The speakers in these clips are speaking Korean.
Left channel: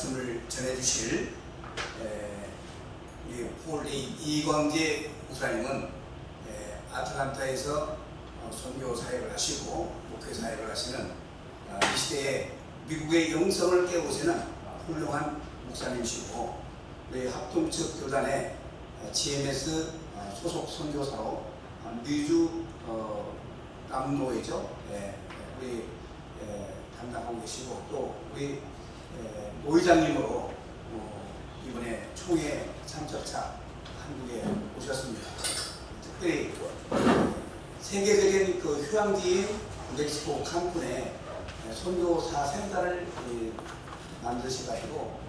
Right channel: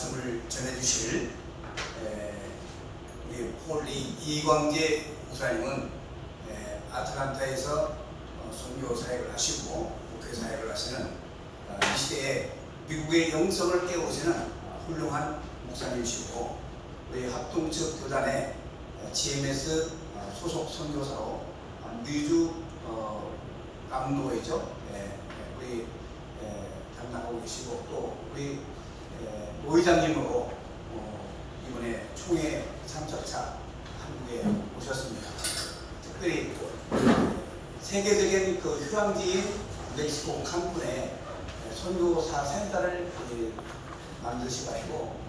말씀을 전해주실 우리 홀리 이광재 목사님은 아틀란타에서 선교 사역을 하시고 목회 사역을 하시는 이 시대에 미국의 영성을 깨우시는 훌륭한 목사님이시고 우리 합동측 교단의 GMS 소속 선교사로 미주 남도이죠. 우리 담당하고 계시고 또 우리 노회장님으로 이번에 총회 참석차 한국에 오셨습니다. 특별히 세계적인 그 휴양지인 멕시코 칸쿤에 선교사 센터를 만드셔가지고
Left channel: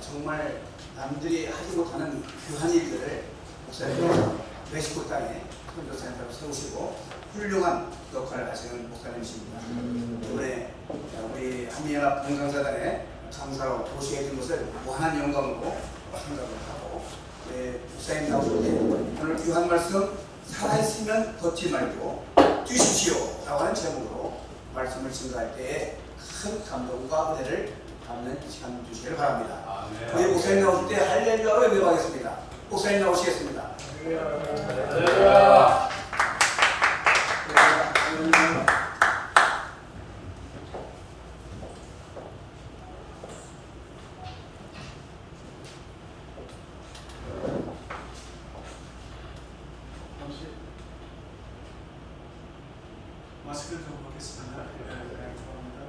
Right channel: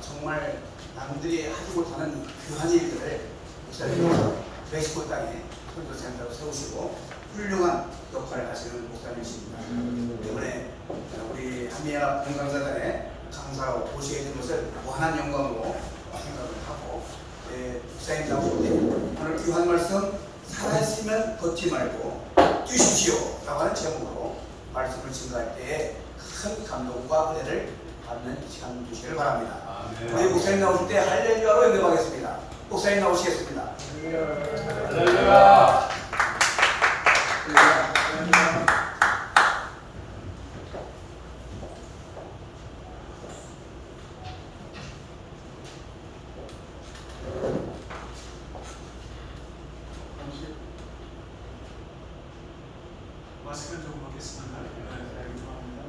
정말 남들이 하지 못하는 귀한 일들을 목사님께서 멕시코 땅에 선교센터를 세우시고 훌륭한 역할을 하시는 목사님이십니다. 이번에 우리 한미연합 봉강사단의 강사로 오시게 된 것을 무한한 영광으로 생각을 하고 목사님 나오실 때 오늘 귀한 말씀 살아있으면 걷지 말고 뛰십시오 라고 하는 제목으로 말씀을 증거할 때에 큰 감동과 은혜를 받는 시간 주시기를 바랍니다. 우리 목사님 나오실 때 할렐루야로 연결하겠습니다. 목사님 나오시겠습니다. 할렐루야. 마스크를 좀 벗겠습니다. 감사합니다.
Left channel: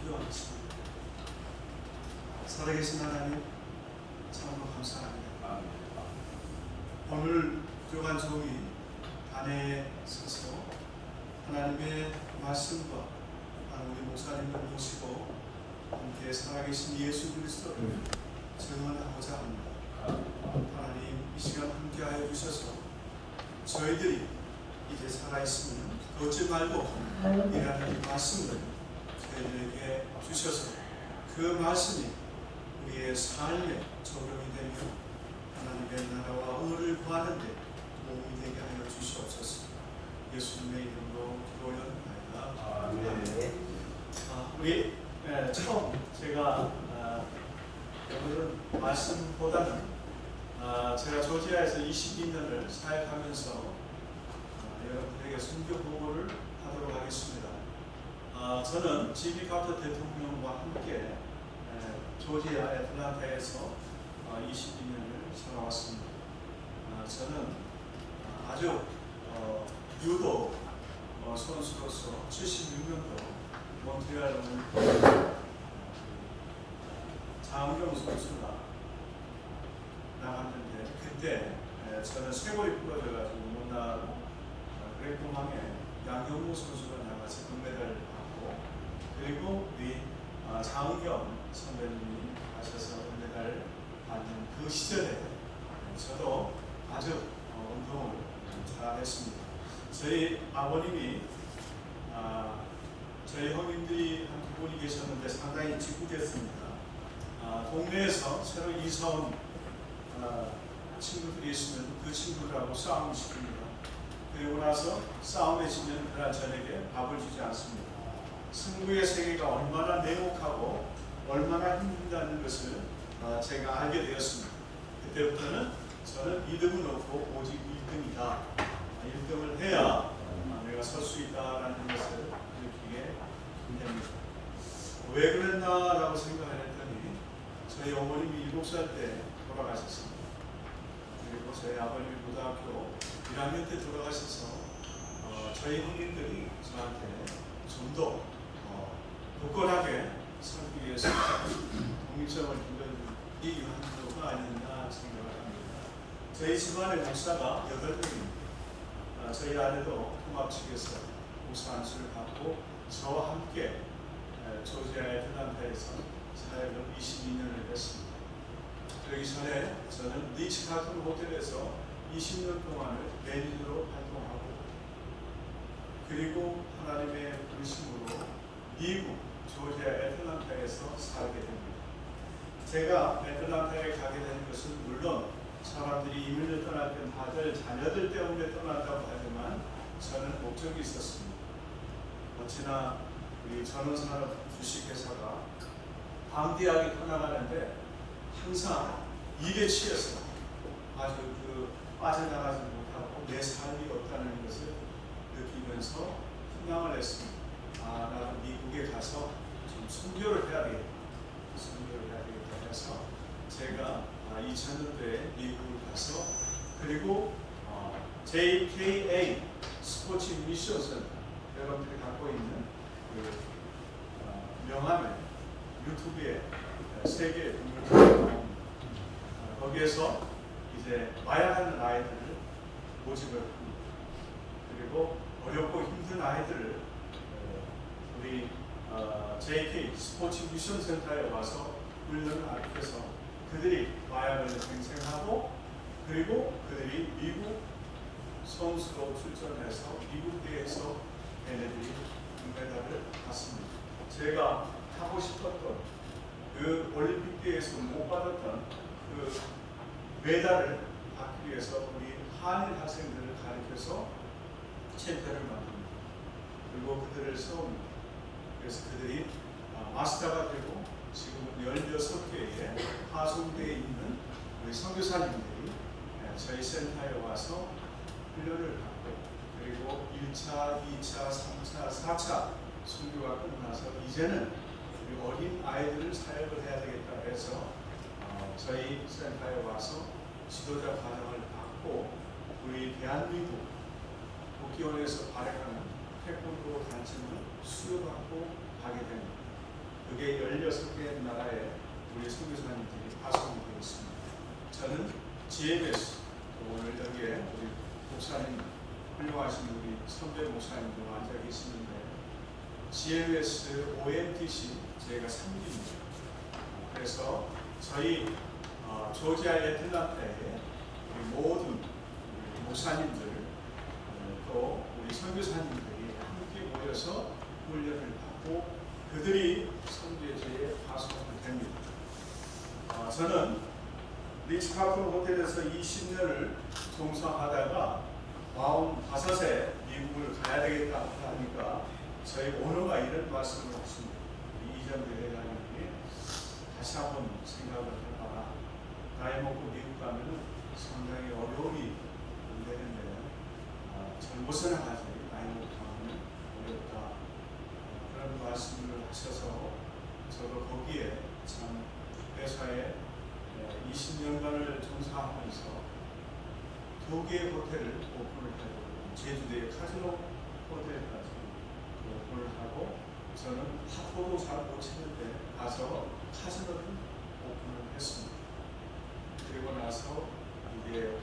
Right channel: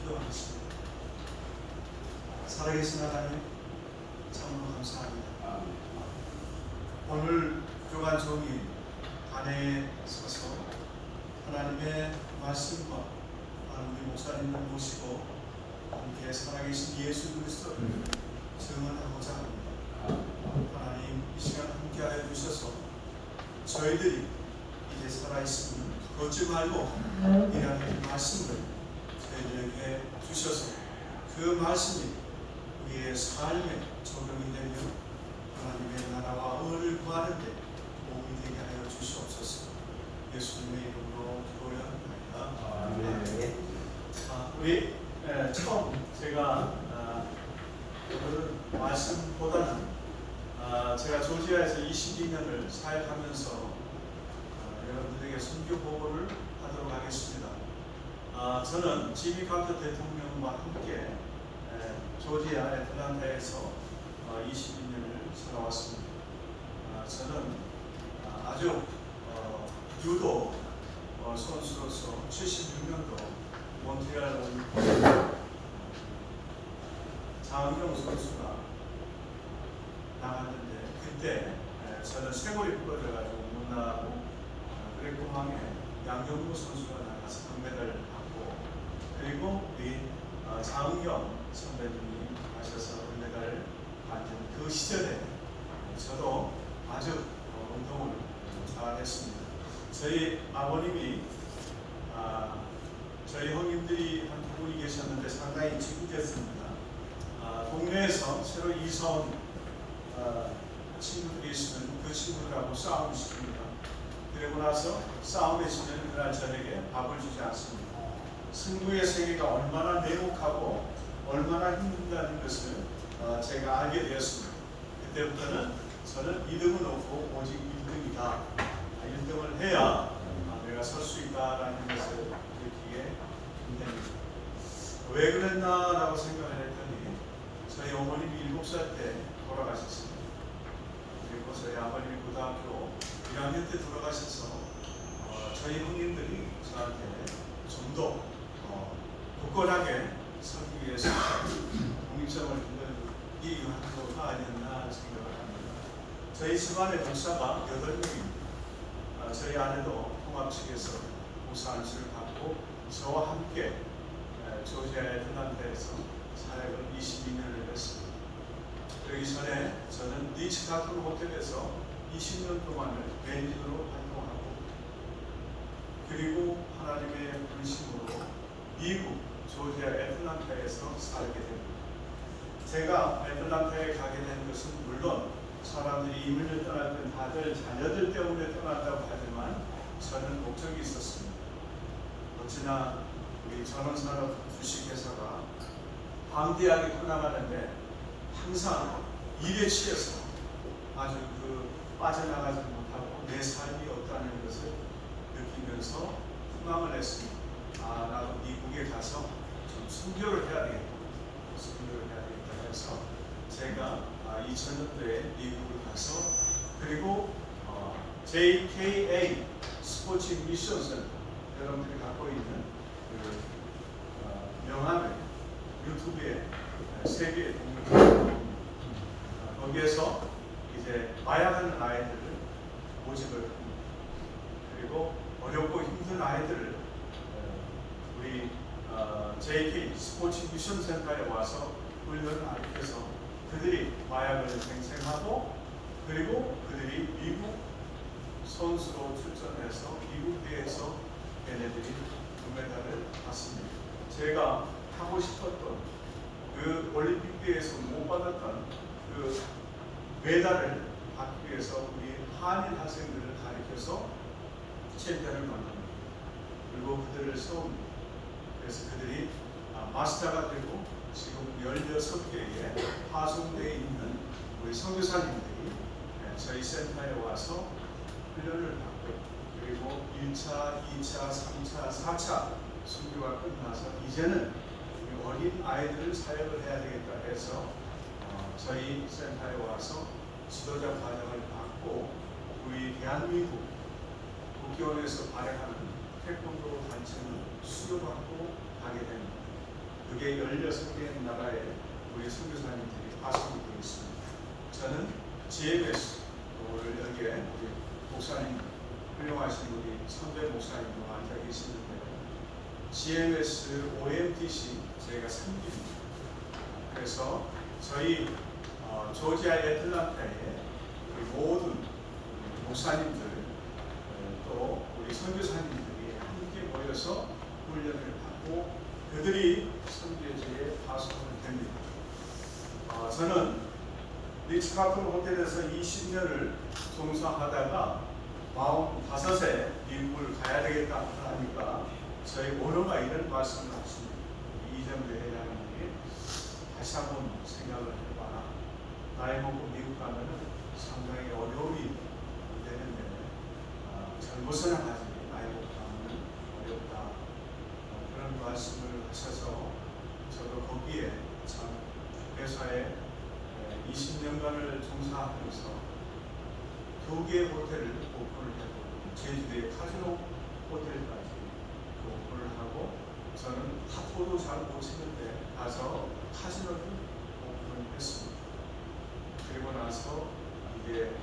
기도하겠습니다. 살아계신 하나님, 참으로 감사합니다. 오늘 부족한 종이 단에 서서 하나님의 말씀과 우리 목사님을 모시고 함께 살아계신 예수 그리스도를 증언하고자 합니다. 하나님, 이 시간 함께하여 주셔서 저희들이 이제 살아있으면 걷지 말고 이라는 말씀을 저희들에게 주셔서 그 말씀이 우리의 삶에 적용이 되며 하나님의 나라와 의를 구하는 데 도움이 되게 하여 주시옵소서. 예수님의 이름으로 기도하옵나이다. 우리 처음 제가 오늘은 말씀보다는 제가 조지아에서 22년을 사역하면서 여러분들에게 선교 보고를 하도록 하겠습니다. 저는 지미 카터 대통령과 함께 조지아 애틀란타에서 22년을 살아왔습니다. 저는 아주 유도 선수로서 76년도 몬트리알 장은경 선수가 나갔는데 그때 저는 쇄골이 부러져가지고 못 나가고 그레코망에 양경무 선수가 나가서 금메달을 받고 그리고 우리 장은경 선배님이 가셔서 금메달을 받는 그 시절에 저도 아주 운동을 잘했습니다. 저희 아버님이 저희 형님들이 한 두 분이 계셨는데 상당히 짓궂었습니다. 동네에서 새로 이사 온 친구들이 있으면 그 친구들하고 싸움을 시킵니다. 그리고 나서 싸움에 지면 그날 저녁에 밥을 주지 않습니다. 승부의 세계가 얼마나 매혹하고 얼마나 힘들다는 것을 제가 알게 되었습니다. 그때부터는 저는 2등을 놓고 오직 1등이다. 1등을 해야 내가 설 수 있다라는 것을 느끼게 됩니다. 왜 그랬나라고 생각을 했더니 저희 어머님이 7살 때 돌아가셨습니다. 그리고 저희 아버님이 고등학교 1학년 때 돌아가셔서 저희 형님들이 저한테 좀 더 굳건하게 살기 위해서 독립성을 준 이 한도가 아니었나 생각을 합니다. 저희 집안의 목사가 8명입니다. 저희 아내도 통합 측에서 목사 안수를 받고 저와 함께 조지아 애틀란타에서 사역을 22년을 했습니다. 그러기 전에 저는 리츠카튼 호텔에서 20년 동안을 매니저로 활동하고 그리고 하나님의 부르심으로 미국 조지아 애틀란타에서 살게 됩니다. 제가 애틀란타에 가게 된 것은 물론 사람들이 이민을 떠날 때 다들 자녀들 때문에 떠난다고 하지만 저는 목적이 있었습니다. 어찌나 우리 전원산업 주식회사가 방대하게 커나가는데 항상 일에 취해서 아주 빠져나가지 못하고 내 삶이 없다는 것을 느끼면서 희망을 했습니다. 나도 미국에 가서 좀 선교를 해야 되겠다. 선교를 해야 되겠다 해서 제가 2000년도에 미국을 가서 그리고 JKA 스포츠 미션 센터 여러분들이 갖고 있는 명함을 유튜브에 세계에 동영상을 거기에서 이제 마약하는 아이들을 모집을 합니다. 그리고 어렵고 힘든 아이들을 우리 JK 스포츠 미션 센터에 와서 훈련을 가르쳐서 그들이 마약을 갱생하고 그리고 그들이 미국 선수로 출전해서 미국 대회에서 얘네들이 금메달을 받습니다. 제가 하고 싶었던 그 올림픽 대회에서 못 받았던 그 메달을 받기 위해서 우리 한인 학생들을 가르쳐서 챔피언을 만듭니다. 그리고 그들을 세웁니다. 그래서 그들이 마스터가 되고 지금은 16개의 파송되어 있는 우리 선교사님들이 저희 센터에 와서 훈련을 받고 그리고 1차, 2차, 3차, 4차 선교가 끝나서 이제는 우리 어린 아이들을 사역을 해야 되겠다 해서 저희 센터에 와서 지도자 과정을 받고 우리 대한민국 국기원에서 발행하는 태권도 단체를 수료받고 가게 됩니다. 그게 16개 나라의 우리 선교사님들이 파송이 되어 있습니다. 저는 GMS 오늘 여기에 우리 목사님 훌륭하신 우리 선배 목사님도 앉아 계시는데 GMS OMTC 제가 3기입니다. 그래서 저희 조지아 애틀란타의 우리 모든 목사님들 또 우리 선교사님들이 함께 모여서 훈련을 받고 그들이 선교제에 파송이 됩니다. 저는 리츠카크 호텔에서 20년을 종사하다가 45세 미국을 가야 되겠다 하니까 저희 오너가 이런 말씀을 하십니다. 이정도 회장님이 다시 한번 생각을 해봐라. 나이 먹고 미국 가면 상당히 어려움이 되는데 젊어서나 가지 나이 먹고 가면 어렵다. 그런 말씀을 하셔서 저도 거기에 참 회사에 20년간을 종사하면서 2개의 호텔을 오픈을 하고 제주도의 카지노 호텔까지 오픈을 하고 저는 탁구도 잘 못 치는데 가서 카지노를 오픈을 했습니다. 그리고 나서 이제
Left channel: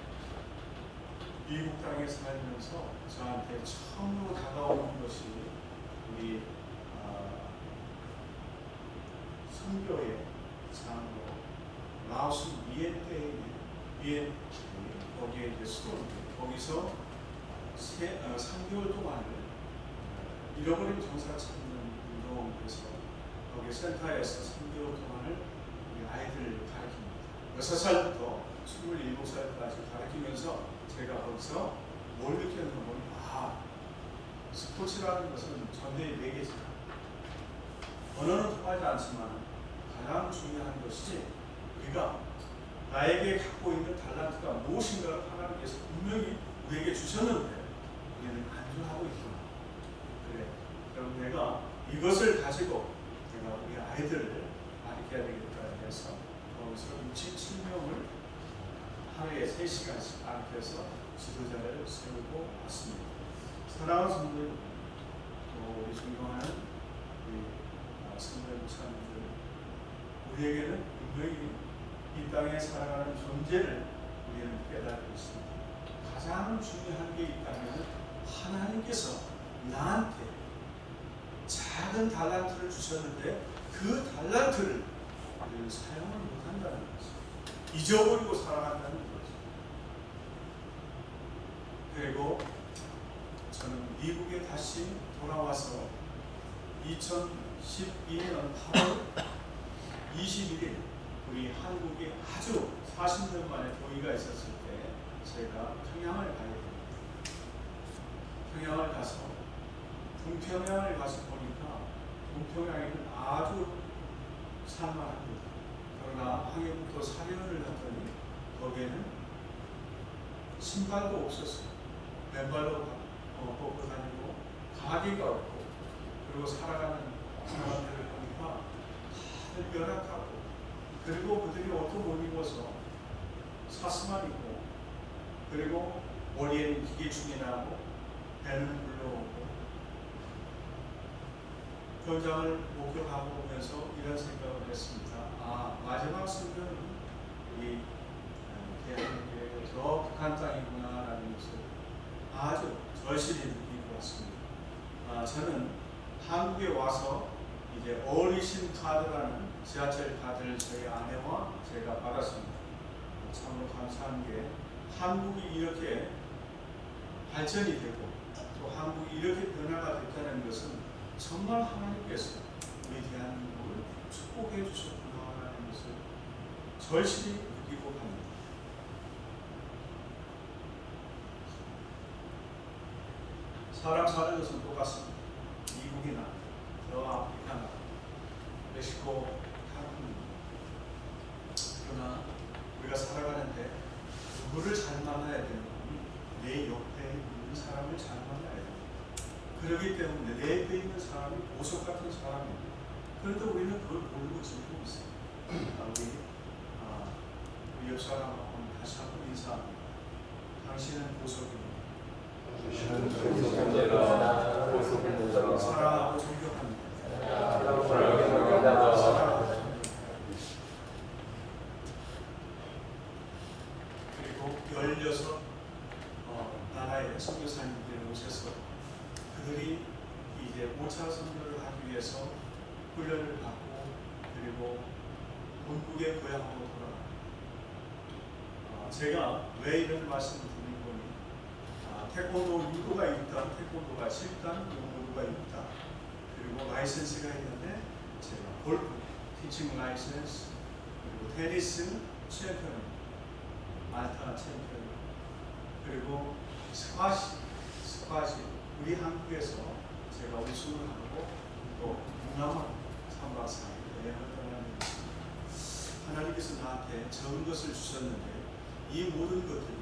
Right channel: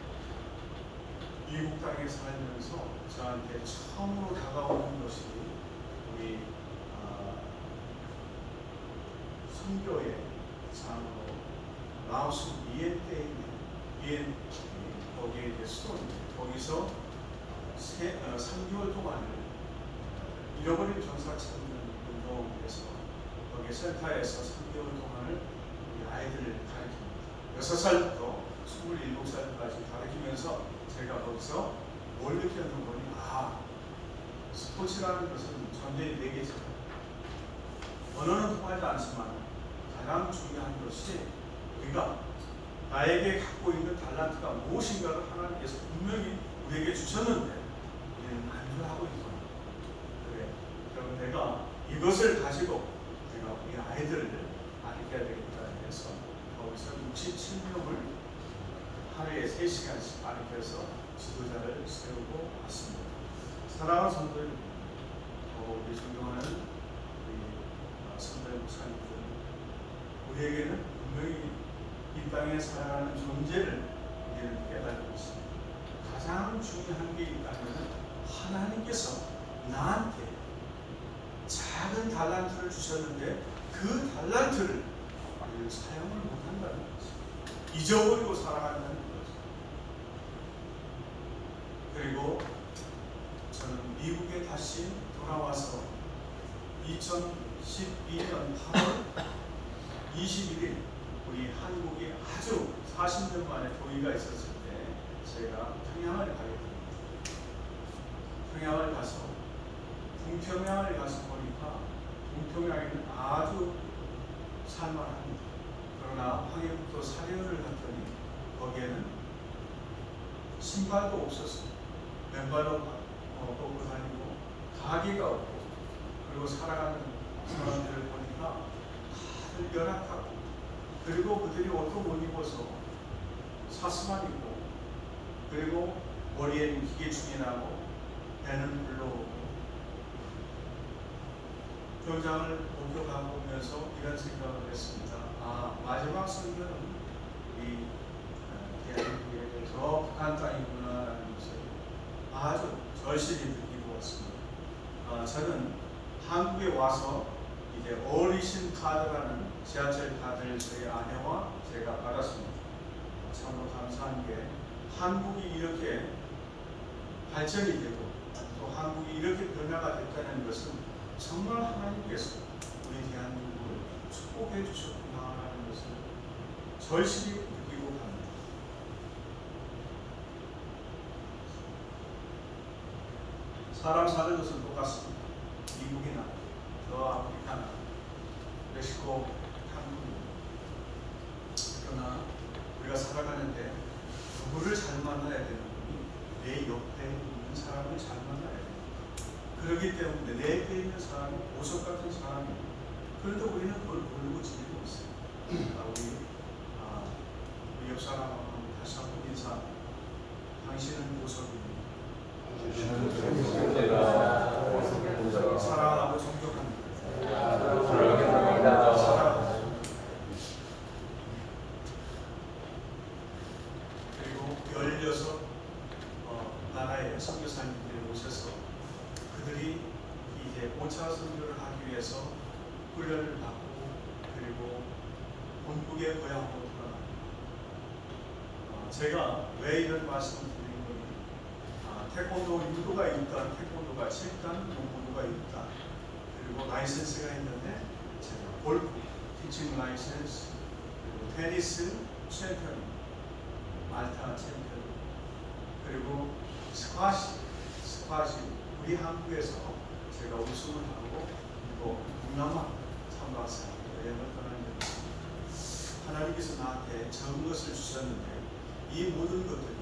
미국 땅에 살면서 저한테 처음으로 다가오는 것이 우리 선교의 장로 라오스 비엔테에 있는 거기에 이제 수도입니다. 거기서 3개월 동안을 잃어버린 전사 찾는 운동을 해서 거기 센터에서 3개월 동안을 우리 아이들을 가르칩니다. 6살부터 27살까지 가르치면서 제가 거기서 뭘 느꼈는 거냐. 스포츠라는 것은 전쟁의 매개죠. 언어는 통하지 않지만 가장 중요한 것이 우리가 나에게 갖고 있는 달란트가 무엇인가를 하나님께서 분명히 우리에게 주셨는데 우리는 안주하고 있구나. 그래. 그럼 내가 이것을 가지고 내가 우리 아이들을 가르쳐야 되겠다 해서 거기서 67명을 하루에 3시간씩 가르쳐서 지도자를 세우고 왔습니다. 사랑하는 성도들, 우리 존경하는 우리 선배 목사님들, 우리에게는 분명히 이 땅에 살아가는 존재를 우리는 깨닫고 있습니다. 가장 중요한 게 있다면 하나님께서 나한테 작은 달란트를 주셨는데 그 달란트를 우리는 사용을 못한다는 거죠. 잊어버리고 살아간다는 거죠. 그리고 저는 미국에 다시 돌아와서 2012년 8월 21일 우리 한국에 아주 40년 만에 도의가 있었을 때 제가 평양을 가게 됩니다. 평양을 가서 동평양을 가서 보니까 동평양에는 아주 살만합니다. 그러나 황해부터 사려를 갔더니 거기에는 신발도 없었어요. 맨발로 걷고 다니고 가게가 없고, 그리고 살아가는 사람들을 보니까 다들 열악하고, 그리고 그들이 옷도 못 입어서 사스만 입고, 그리고 머리에는 기계충이 나고 배는 불러오고, 현장을 목격하고 오면서 이런 생각을 했습니다. 아, 마지막 선교는 우리 대한민국에게 더 북한 땅이구나라는 것을 아주 절실히 느끼고 왔습니다. 저는 한국에 와서 이제 어르신 카드라는 지하철 카드를 저희 아내와 제가 받았습니다. 참으로 감사한 게, 한국이 이렇게 발전이 되고 또 한국이 이렇게 변화가 됐다는 것은 정말 하나님께서 우리 대한민국을 축복해 주셨구나라는 것을 절실히 느끼고 갑니다. 사람 사는 것은 똑같습니다. 미국이나 저 아프리카나 멕시코, 한국입니다. 그러나 우리가 살아가는데 누구를 잘 만나야 되느니 내 옆에 있는 사람을 잘 만나야 돼요. 그렇기 때문에 내 옆에 있는 사람은 보석 같은 사람이에요. 그런데 우리는 그걸 모르고 지내고 있어요. 우리 옆 사람하고 다시 한번 인사합니다. 당신은 보석입니다. 사랑하고 존경합니다. 사랑하고 그리고 16 나라의 선교사님들이 오셔서 그들이 이제 5차 선교를 하기 위해서 훈련을 받고, 그리고 본국의 고향으로 돌아갑니다. 제가 왜 이런 말씀을 드리는 건지, 태권도 유도가 있다, 태권도가 7단, 용모도가 있다, 그리고 라이센스가 있는데 제가 골프, 티칭 라이센스, 그리고 테니스 챔피언, 말타 챔피언, 그리고 스쿼시 우리 한국에서 제가 우승을 하고 또 동남아 선박사 여행을 떠나는 하나님께서 나한테 적은 것을 주셨는데, 이 모든 것들이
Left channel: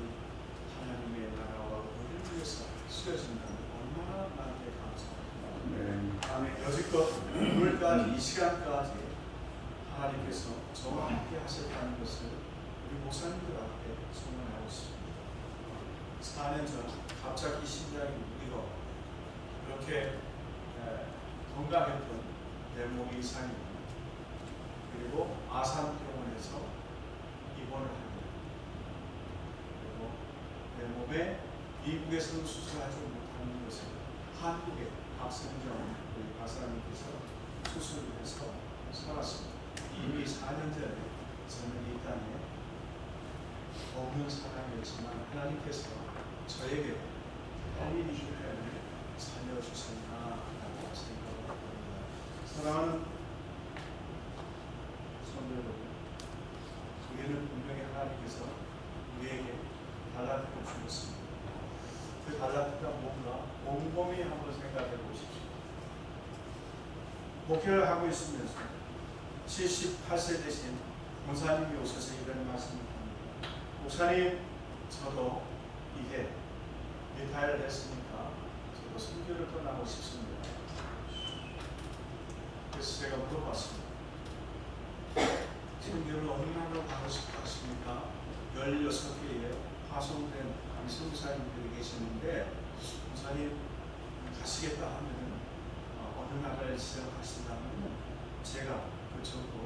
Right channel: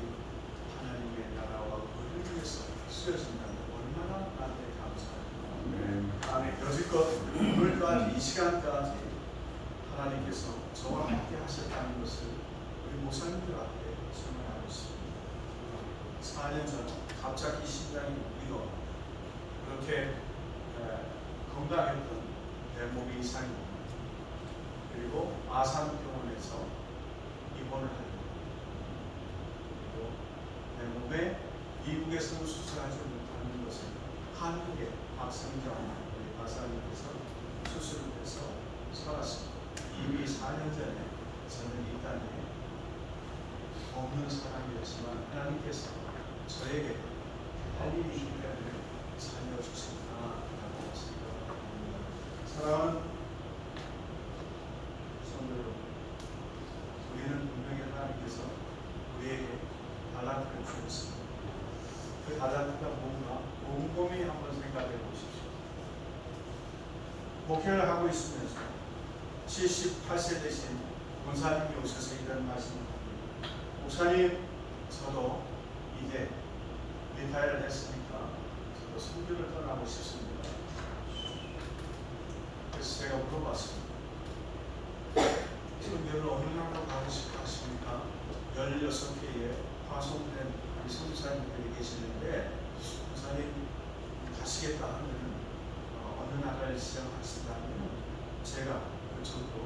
하나님의 나라와 의를 위해서 쓰여진다면 얼마나 나한테 감사하구나. 여지껏 오늘까지 이 시간까지 하나님께서 저와 함께 하셨다는 것을 우리 목사님들 앞에 선언하였습니다. 4년 전 갑자기 심장이 울리고 그렇게 건강했던 내 몸이 이상이 납니다. 그리고 아산병원에서 입원을 합니다. 그리고 내 몸에 미국에서는 수술하지 못하는 것을 한국의 박성정 우리 박사님께서 수술을 해서 살았습니다. 이미 4년 전에 저는 이 땅에 없는 사람이었지만 하나님께서 저에게 할 일이 있기 때문에 살려주신다라고 생각합니다. 사랑하는 성도 여러분, 우리는 분명히 하나님께서 우리에게 바다를 주셨습니다. 그 바다가 뭔가 곰곰이 한번 생각해 보십시오. 목회를 하고 있으면서 78세 되신 권사님이 오셔서 이런 말씀을 합니다. 목사님, 저도 이제 리타이어를 했으니까 저도 선교를 떠나고 싶습니다. 그래서 제가 물어봤습니다. 선교를 어느 나라로 가고 싶어 하십니까? 16개의 파송된 우리 선교사님들이 계시는데, 목사님 가시겠다 하면 어느 나라를 지정하신다 하면 제가 그쪽으로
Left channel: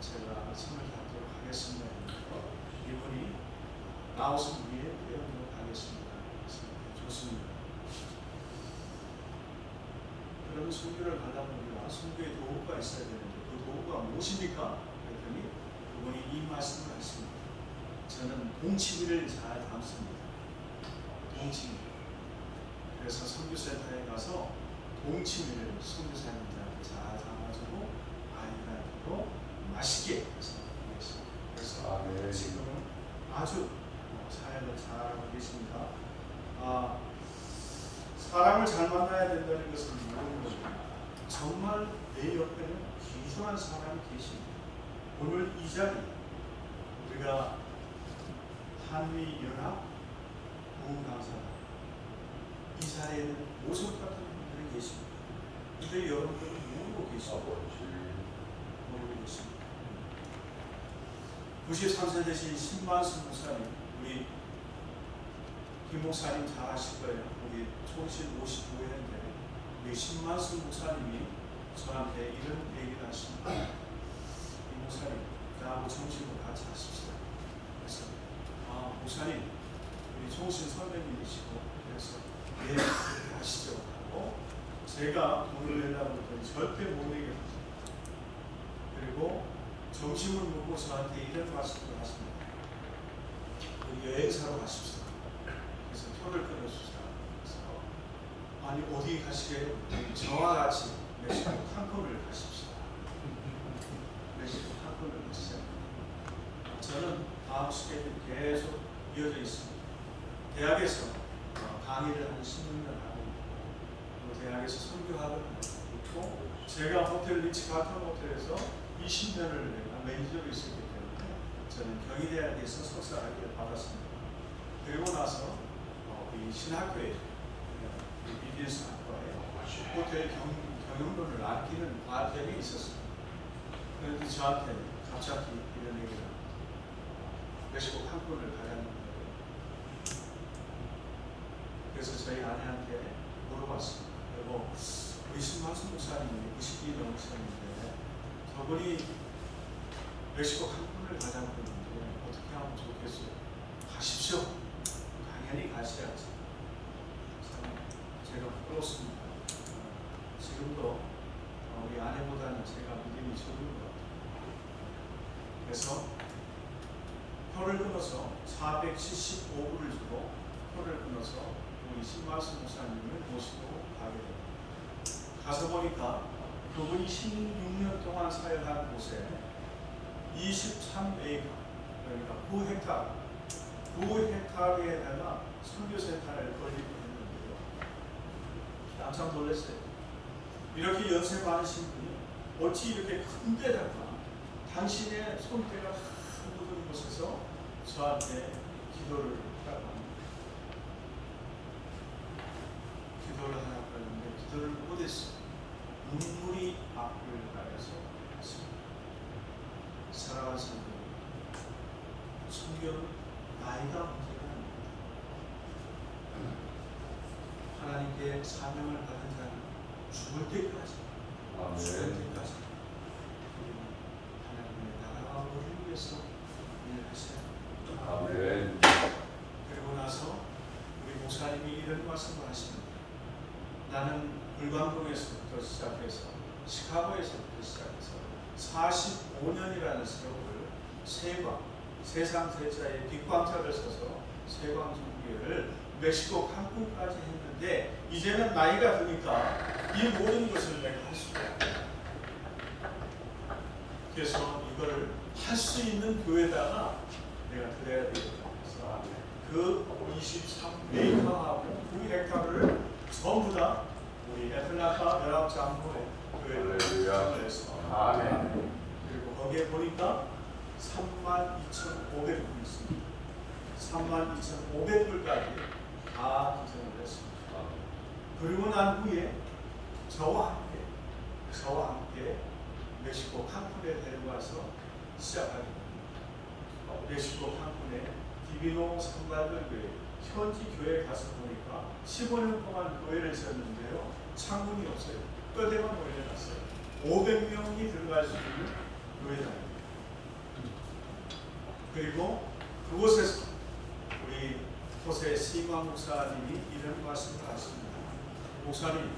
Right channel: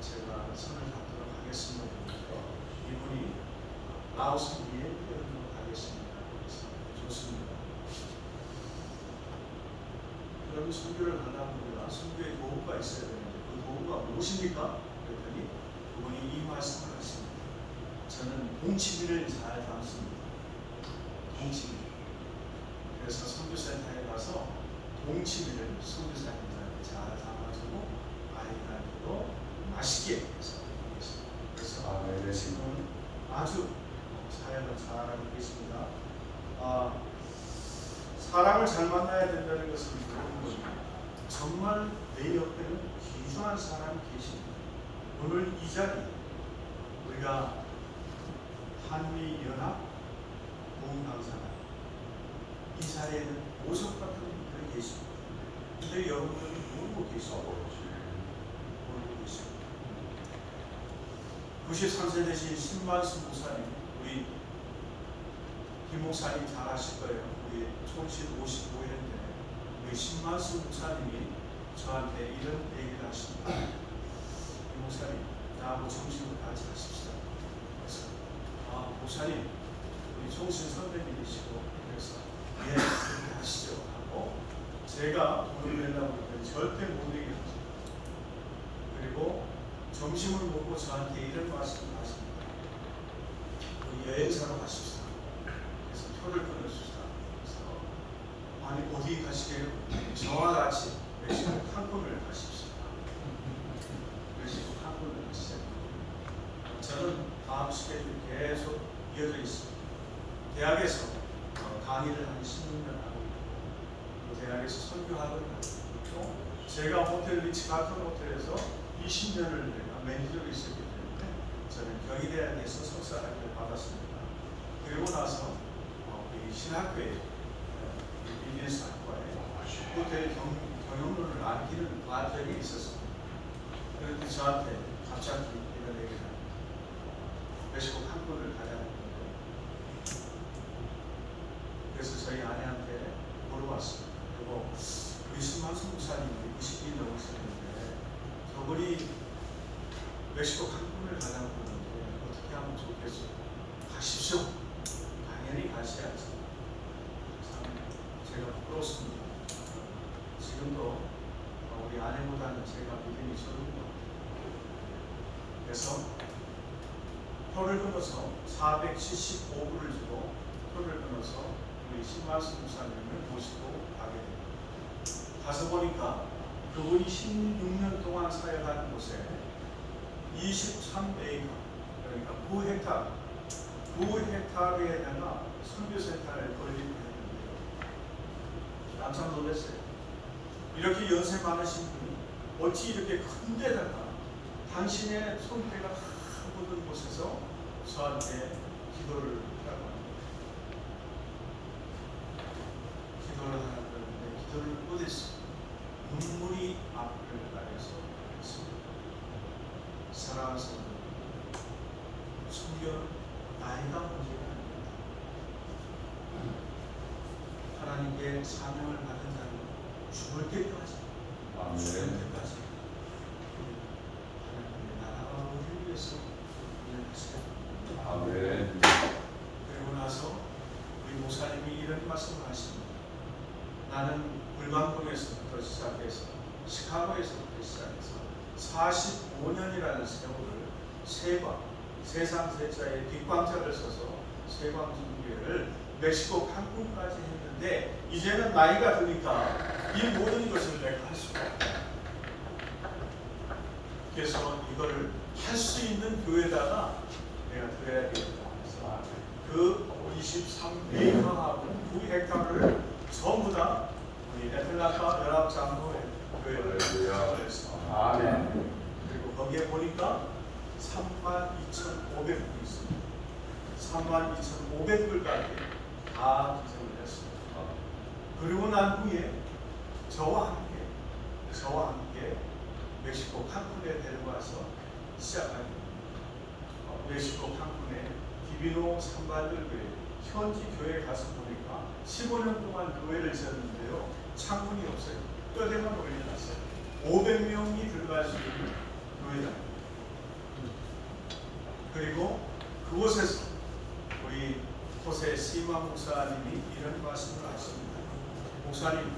제가 손을 잡도록 하겠습니다. 이분이 라오스 위에 빼도록 하겠습니다. 좋습니다. 그러면 선교를 가려면 우리가 선교에 도구가 있어야 되는데 그 도구가 무엇입니까? 그랬더니 그분이 이 말씀을 하셨습니다. 저는 동치미를 잘 담습니다. 동치미. 그래서 선교센터에 가서 동치미를 선교사님들한테 잘 담아주고 아이들한테도 맛있게 해서 하겠습니다. 그래서 지금 아주 사역을 잘하고 계십니다. 사람을 잘 만나야 된다는 것은 모르는 거죠. 정말 내 옆에는 귀중한 사람이 계십니다. 오늘 이 자리 우리가 한미연합 보훈강사가 이 자리에는 모습 같은 분들이 계십니다. 근데 여러분들은 모르고 계시고 93세 되신 신만수 목사님, 우리 김 목사님 잘 아실 거예요. 우리 총신 55회인데 우리 신만수 목사님이 저한테 이런 얘기를 하십니다. 이 목사님, 나하고 정신을 같이 하십시오. 그래서 목사님, 우리 총신 선배님이시고 그래서 예, 그렇게 하시죠 하고 제가 돈을 내려고 했더니 절대 못 내게 하죠. 그리고 점심을 먹고 저한테 이런 말씀을 하십니다. 여행사로 가십시오. 그래서 표를 끊어줍시다. 그래서 아니 어디 가시게요? 저와 같이 멕시코 칸쿤을 가십시오. 멕시코 칸쿤을 가시죠. 저는 다음 스케줄이 계속 이어져 있습니다. 대학에서 강의를 한 16년 하고 있고 대학에서 선교학을 하고 있고 제가 호텔 리츠카튼 호텔에서 20년을 내가 매니저로 있었기 때문에 저는 경희대학에서 석사학위를 받았습니다. 그리고 나서 우리 신학교에 비즈니스 학과에 호텔 경영론을 아끼는 과정이 있었습니다. 그런데 저한테 갑자기 이런 얘기를 합니다. 멕시코 칸쿤을 가자는 거예요. 그래서 저희 아내한테 물어봤습니다. 여보, 우리 신만수 목사님이 20기 넘으셨는데 저분이 멕시코 칸쿤을 가자고 하는데 어떻게 하면 좋겠어요? 가십시오. 당연히 가셔야죠. 참 제가 부끄럽습니다. 지금도 우리 아내보다는 제가 믿음이 적은 것 같아요. 그래서 표를 끊어서 475불을 주고 표를 끊어서 우리 신만수 목사님을 모시고 가게 됩니다. 가서 보니까 그분이 16년 동안 사역한 곳에 23에이커, 그러니까 9헥타르에다가 선교센터를 건립했는데요. 깜짝 놀랐어요. 이렇게 연세 많으신 분이 어찌 이렇게 큰 데다가 당신의 손때가 다 묻은 곳에서 저한테 기도를 하라고 합니다. 기도를 하라고 했는데 기도를 못했어요. 눈물이 앞을 가려서 했습니다. 사랑하는 성도, 성경은 나이가 문제가 아닙니다. 하나님께 사명을 받은 자는 죽을 때까지, 죽을 때까지 하나님의 나라와 법을 위해서 일하세요. 아멘. 그리고 나서 우리 목사님이 이런 말씀을 하십니다. 나는 불광동에서부터 시작해서 시카고에서부터 시작해서 45년이라는 세월을 세상 세자의 빅광자를 써서 세광주교회를 멕시코 칸쿤까지 했는데 이제는 나이가 드니까 이 모든 것을 내가 할 수가 없다. 그래서 이거를 할 수 있는 교회다가 내가 드려야 되겠다 해서 그 23에이커하고 9헥타르를 전부 다 우리 애틀란타 연합장로회 교회를 시작을 했습니다. 아멘. 그리고 거기에 보니까 32,500불이 있습니다. 32,500불까지 다 기증을 했습니다. 그리고 난 후에 저와 함께 멕시코 칸쿤에 데려가서 시작하게 됩니다. 멕시코 칸쿤에 디비노 산발들 교회 현지 교회에 가서 보니까 15년 동안 교회를 지었는데요. 창문이 없어요. 뼈대만 올려놨어요. 500명이 들어갈 수 있는 교회당입니다. 그리고 그곳에서 우리 호세 시마 목사님이 이런 말씀을 하십니다. 목사님,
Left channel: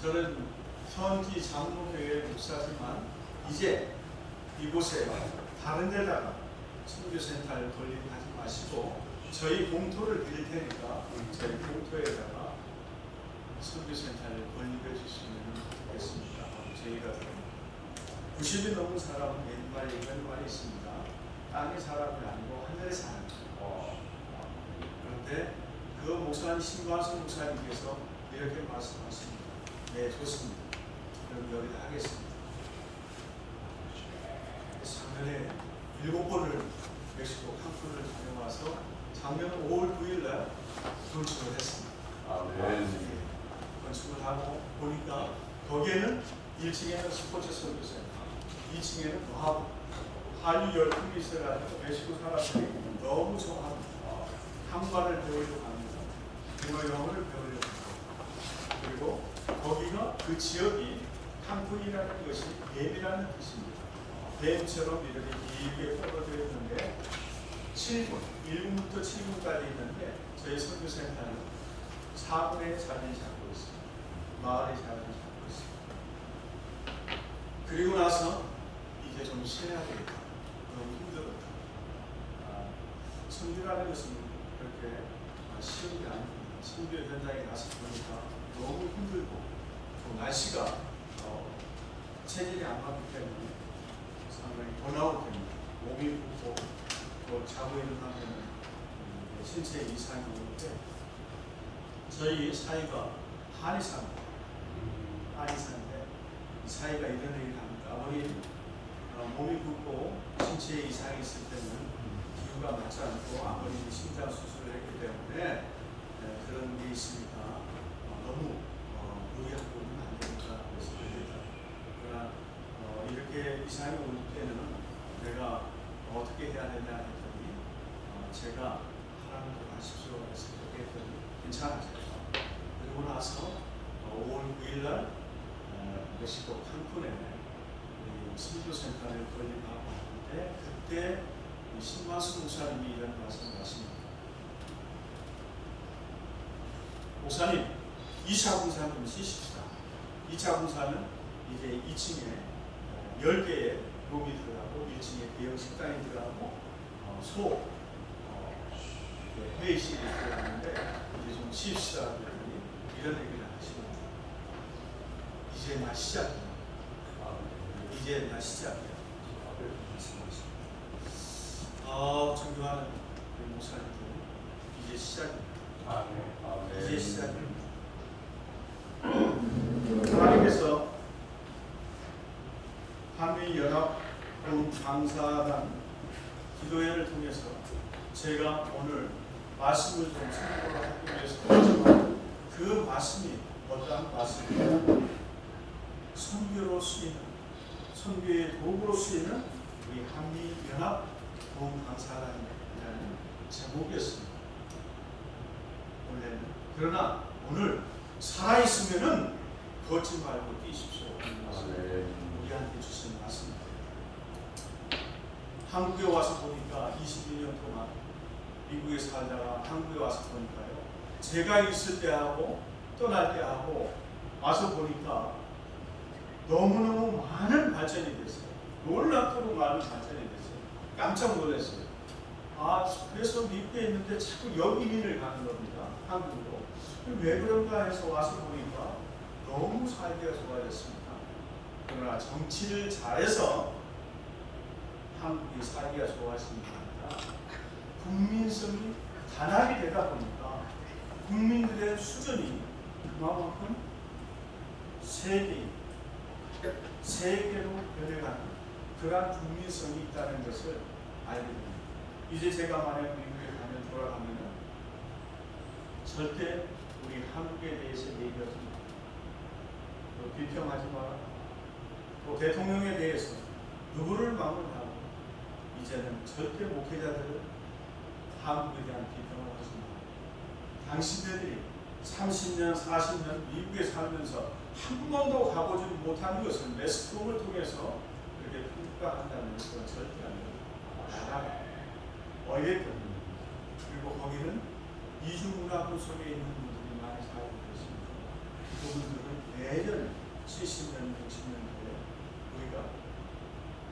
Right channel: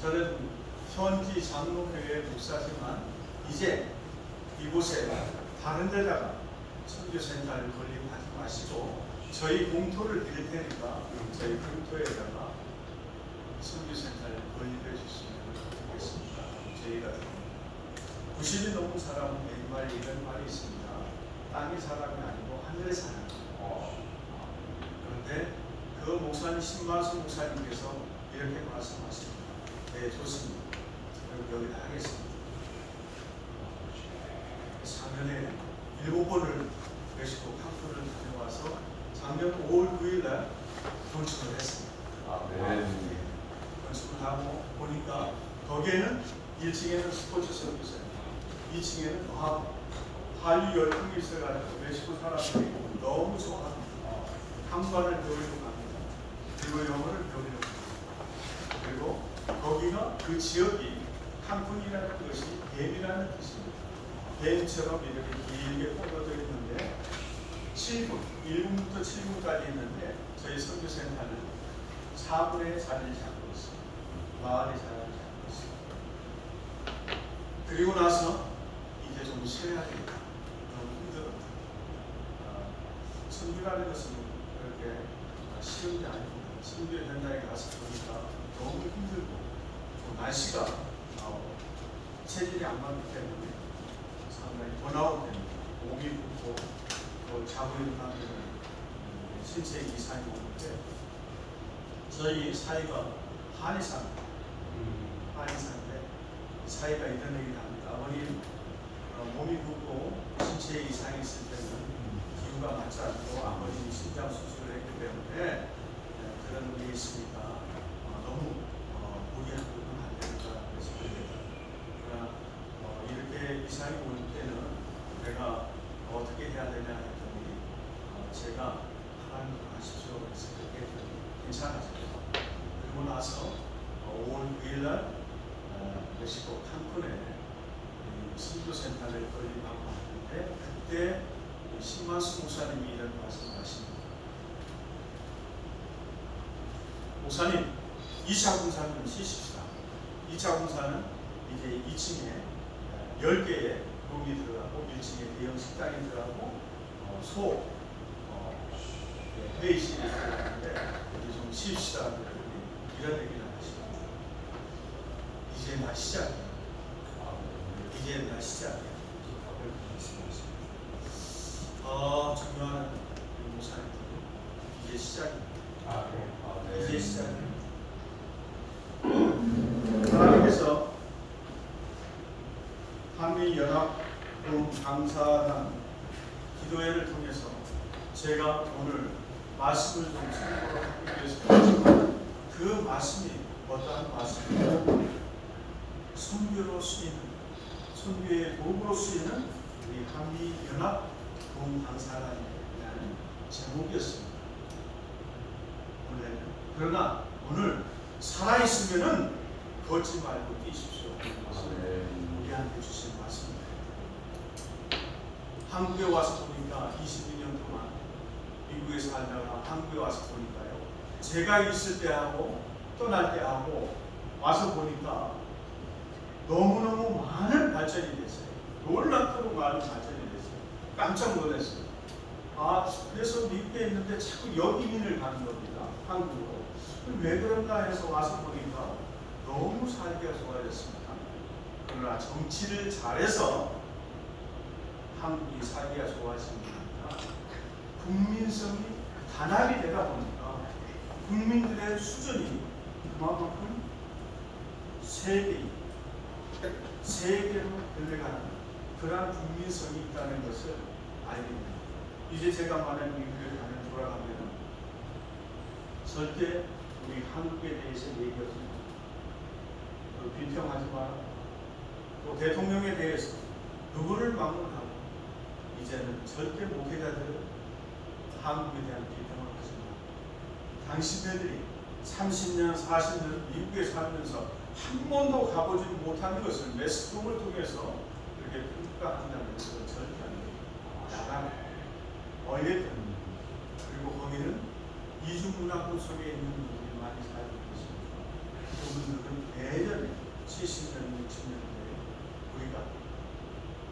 저는 현지 장로교회 목사지만 이제 이곳에 다른 데다가 선교센터를 건립하지 마시고 저희 공토를 드릴 테니까 저희 공토에다가 선교센터를 건립해 주시면 좋겠습니다. 저희가 90이 넘은 사람은 옛말에 이런 말이 있습니다. 땅의 사람이 아니고 하늘의 사람입니다. 그런데 그 목사님 신만수 목사님께서 이렇게 말씀하십니다. 네, 좋습니다. 그럼 여기다 하겠습니다. 작년에 7번을 멕시코 칸쿤을 다녀와서 작년 5월 9일 날 건축을 했습니다. 건축을 하고 보니까 거기에는 1층에는 스포츠 선교센터, 2층에는 과학원, 한류 열풍이 있어가지고 멕시코 사람들이 너무 좋아합니다. 한국어를 배우려고 합니다. 그리고 영어를 배우려고 합니다. 그리고 거기가 그 지역이 칸쿤이라는 것이 댐이라는 뜻입니다. 댐처럼 이렇게 길게 뻗어져 있는데 7군, 1군부터 7군까지 있는데 저희 선교센터는 4군의 자리를 잡고 있습니다. 마을의 자리를 잡고 있습니다. 그리고 나서 이제 좀 쉬어야 되겠다. 너무 힘들었다. 선교라는 것은 그렇게 쉬운 게 아닙니다. 선교 현장에 가서 보니까 너무 힘들고 또 날씨가 체질이 안 맞기 때문에 상당히 번아웃 됩니다. 몸이 붓고 또 자고 있는 하면은 신체 이상이 오는데 저희 사이가 한의사입니다. 한의사인데 사이가 이런 얘기를 합니다. 아버님 몸이 붓고 신체 이상이 있을 때는 기후가 맞지 않고 아버님 심장 수술을 했기 때문에 그런 일이 있으니까 너무 무리하고 오면 안 되니까 그래서 안 된다. 그러나 이렇게 이상이 올 때는 내가 어떻게 해야 되냐 했더니 제가 하나님 하십시오 해서 그렇게 했더니 괜찮아져요. 그리고 나서 5월 9일 날 멕시코 칸쿤에 선교센터를 건립하고 있는데 그때 신만수 목사님이 이런 말씀을 하십니다. 목사님, 2차 공사는 쉬십시다. 2차 공사는 이제 2층에 10개의 룸이 들어가고 1층에 대형 식당이 들어가고 회의실이 들어가는데 이제 좀 쉬십시다. 그랬더니 이런 얘기를 하십니다. 이제 나 시작이야. 이제 나 시작이야. 그렇게 말씀하십니다. 존경하는 목사님, 이제 시작입니다. 이제 시작입니다. 하나님께서 한미연합봉강사단 기도회를 통해서 제가 오늘 말씀을 좀 선포를 하기 위해서 하지만 그 말씀이 어떠한 말씀이냐, 선교로 쓰이는, 선교의 도구로 쓰이는 우리 한미연합봉강사단이라는 제목이었습니다. 그러나 오늘 살아있으면은 걷지 말고 뛰십시오. 우리한테 주신 말씀입니다. 한국에 와서 보니까 22년 동안 미국에 살다가 한국에 와서 보니까요. 제가 있을 때 하고 떠날 때 하고 와서 보니까 너무너무 많은 발전이 됐어요. 놀랍도록 많은 발전이 됐어요. 깜짝 놀랐어요. 그래서 미국에 있는데 자꾸 여기민을 가는 겁니다. 한국으로. 왜 그런가 해서 와서 보니까 너무 살기가 좋아졌습니다. 그러나 정치를 잘해서 한국이 살기가 좋아지는 게 아니라 국민성이 단합이 되다 보니까 국민들의 수준이 그만큼 세계로 변해가는 그러한 국민성이 있다는 것을 알게 됩니다. 이제 제가 만약 미국에 돌아가면 절대 우리 한국에 대해서 얘기하지 마. 비평하지 마. 또 대통령에 대해서 누구를 막론하고 이제는 절대 목회자들은 한국에 대한 비평을 하지 마. 당신네들이 30년, 40년 미국에 살면서 한 번도 가보지 못하는 것을 매스컴을 통해서 그렇게 평가한다는 것은 절대 안 됩니다. 나가라. 어이랬던 그리고 거기는 이중문화권 속에 있는 분들이 많이 살고 계십니다. 그분들은 예전에 70년, 60년대에 우리가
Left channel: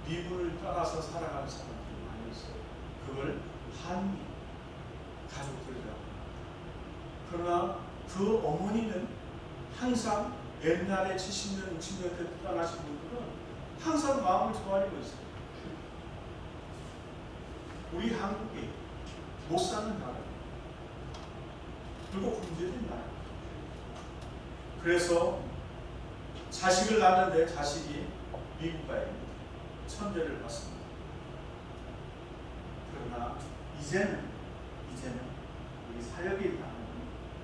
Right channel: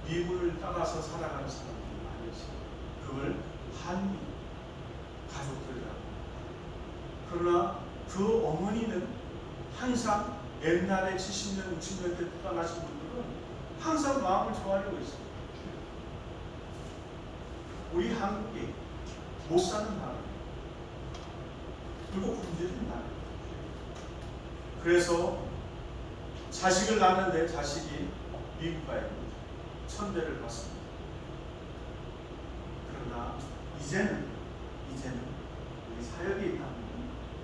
미국을 따라서 살아가는 사람들이 많이 있어요. 그걸 한미 가족들이라고 합니다. 그러나 그 어머니는 항상 옛날에 70년, 60년대 떠나신 분들은 항상 마음을 조아리고 있어요. 우리 한국이 못 사는 나라. 그리고 문제된 나라. 그래서 자식을 낳는데 자식이 미국 가야 됩니다. 천대를 받습니다. 그러나 이제는 우리 사역이 있다면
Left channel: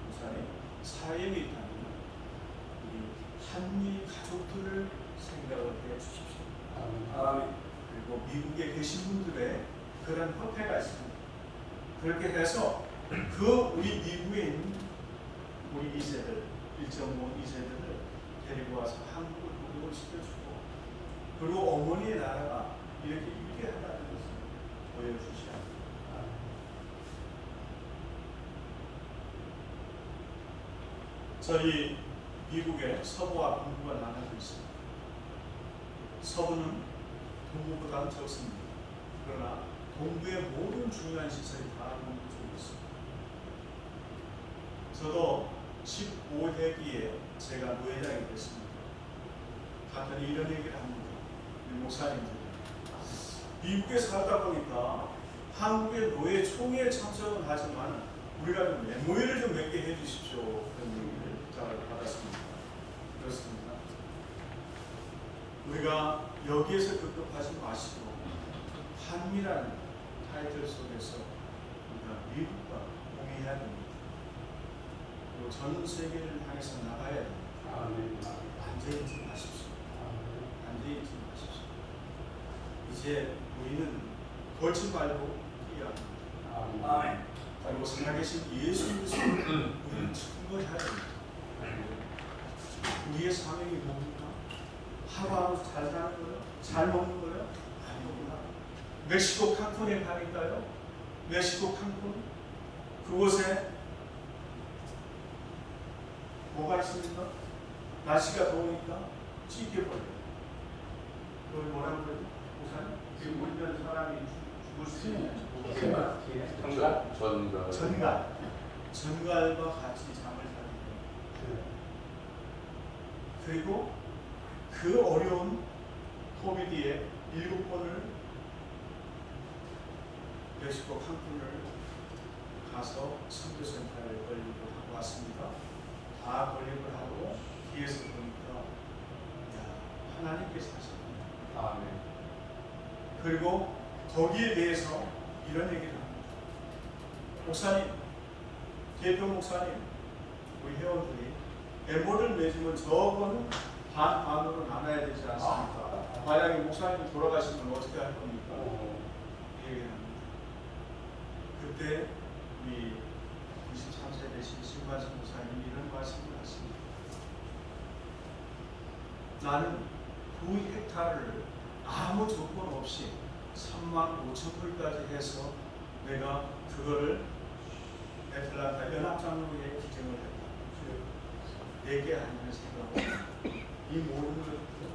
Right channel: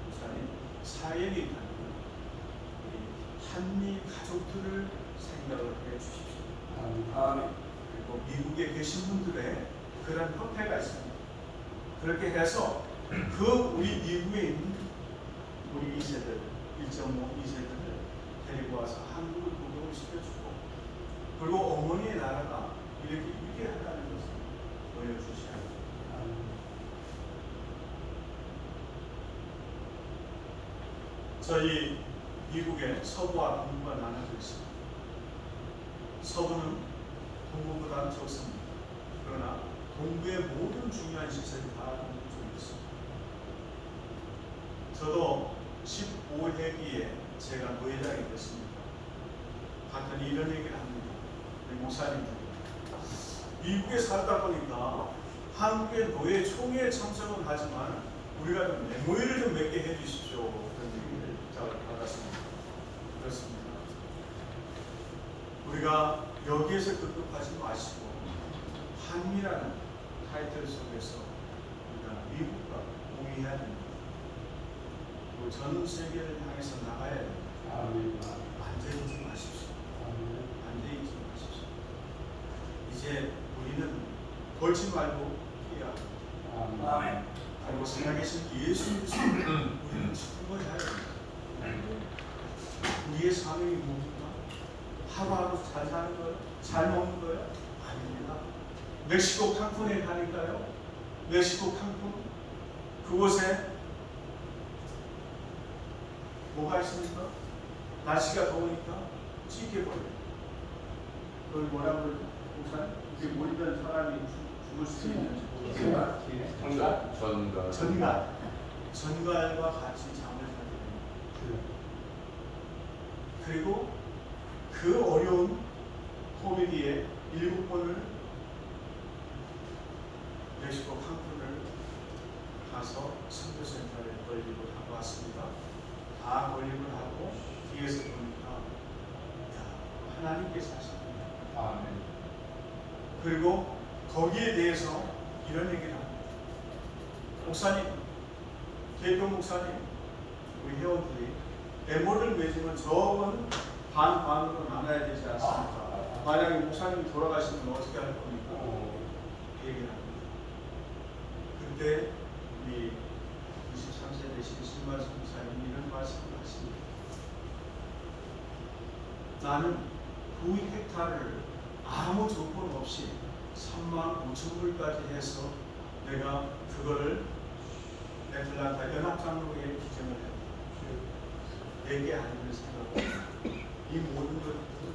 목사님 사역이 있다면 우리 한미 가족들을 생각을 해 주십시오. 그리고 미국에 계신 분들의 그런 협회가 있습니다. 그렇게 해서 그 우리 미국에 있는 우리 2세들 1.5 2세들을 데리고 와서 한국을 구경을 시켜주고 그리고 어머니의 나라가 이렇게 위대하다는 것을 보여주셔야 합니다. 저희 미국의 서부와 동부가 나눠져 있습니다. 서부는 동부보다는 적습니다. 그러나 동부의 모든 중요한 시설이 다 동부 쪽에 있습니다. 저도 15회기에 제가 노회장이 됐습니다. 가끔 이런 얘기를 합니다. 우리 목사님들 미국에 살다 보니까 한국의 노예 총회에 참석은 하지만 우리가 좀 메모리를 좀 몇 개 해주십시오. 그런 얘기를 부탁을 받았습니다. 그렇습니다. 우리가 여기에서 급급하지 마시고 한미라는 타이틀 속에서 우리가 미국과 공유해야 됩니다. 그리고 전 세계를 향해서 나가야 됩니다. 앉아있지 마십시오. 앉아있지 마십시오. 이제 우리는 벌지 말고 뛰어야 합니다. 아멘. 그리고 살아계신 예수 그리스도를 우리는 증거해야 됩니다. 우리의 사명이 뭡니까? 하루하루 잘 사는 거요? 잘 먹는 거요? 아닙니다. 멕시코 칸쿤에 가니까요. 멕시코 칸쿤 그곳에 뭐가 있습니까? 날씨가 더우니까 찌개벌레. 그걸 뭐라고 그러죠? 우선 지금 보이면 사람이 죽을 수 있는 전갈과 같이 잠을 자게 됩니다. 그리고 그 어려운 코비드에 7번을 멕시코 칸쿤을 가서 선교센터에 걸리고 하고 왔습니다. 다 걸리고 하고 뒤에서 보니까 하나님께서 하십니다. 그리고 거기에 대해서 이런 얘기를 합니다. 목사님, 개교 목사님, 우리 회원들이 에모를 맺으면 저거는 반으로 나눠야 되지 않습니까? 만약에 목사님 돌아가시면 어떻게 할 겁니까? 그 얘기를 합니다. 그때 우리 23세 되신 신만수 목사님이 이런 말씀을 하십니다. 나는 그 헥타르를 아무 조건 없이 35,000불까지 해서 내가 그거를 애틀란타 연합장로회에 기증을 합니다. 내게 아니면 생각합니다. 이 모든 것들은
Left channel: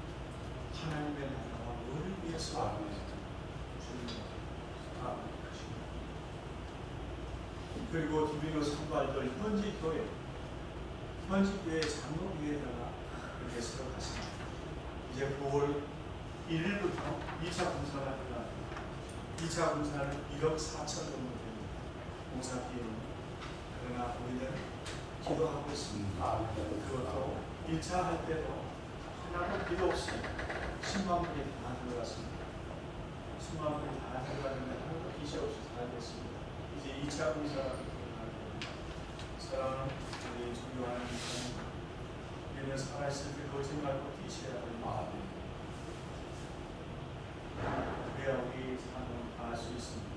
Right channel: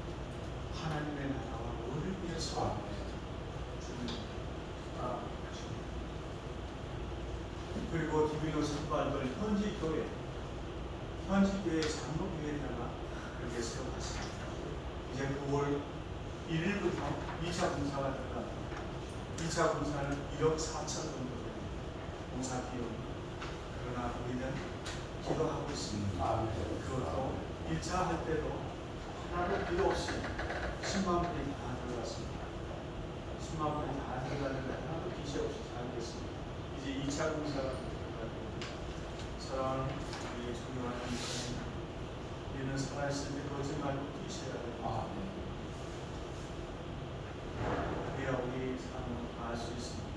하나님의 나라와 너를 위해서 주는 것입니다. 그리고 디비노 선발들 현지 교회 장로교회에다가 이렇게 세워갔습니다. 이제 9월 1일부터 2차 공사가 들어갑니다. 2차 공사는 1억 4천 정도 됩니다. 공사 비용이. 그러나 우리는 기도하고 있습니다. 그것도 1차 할 때도 하나도 비도 없이 10만 불이 다 들어갔습니다. 10만 불이 다 들어갔는데 하나도 빚이 없이 잘 됐습니다. 이제 2차 공사가 들어갑니다. 사랑하는 우리 존경하는 목사님, 우리는 살아있을 때 그러지 말고 뛰셔야 됩니다. 그래야 우리 삶을 다할 수 있습니다.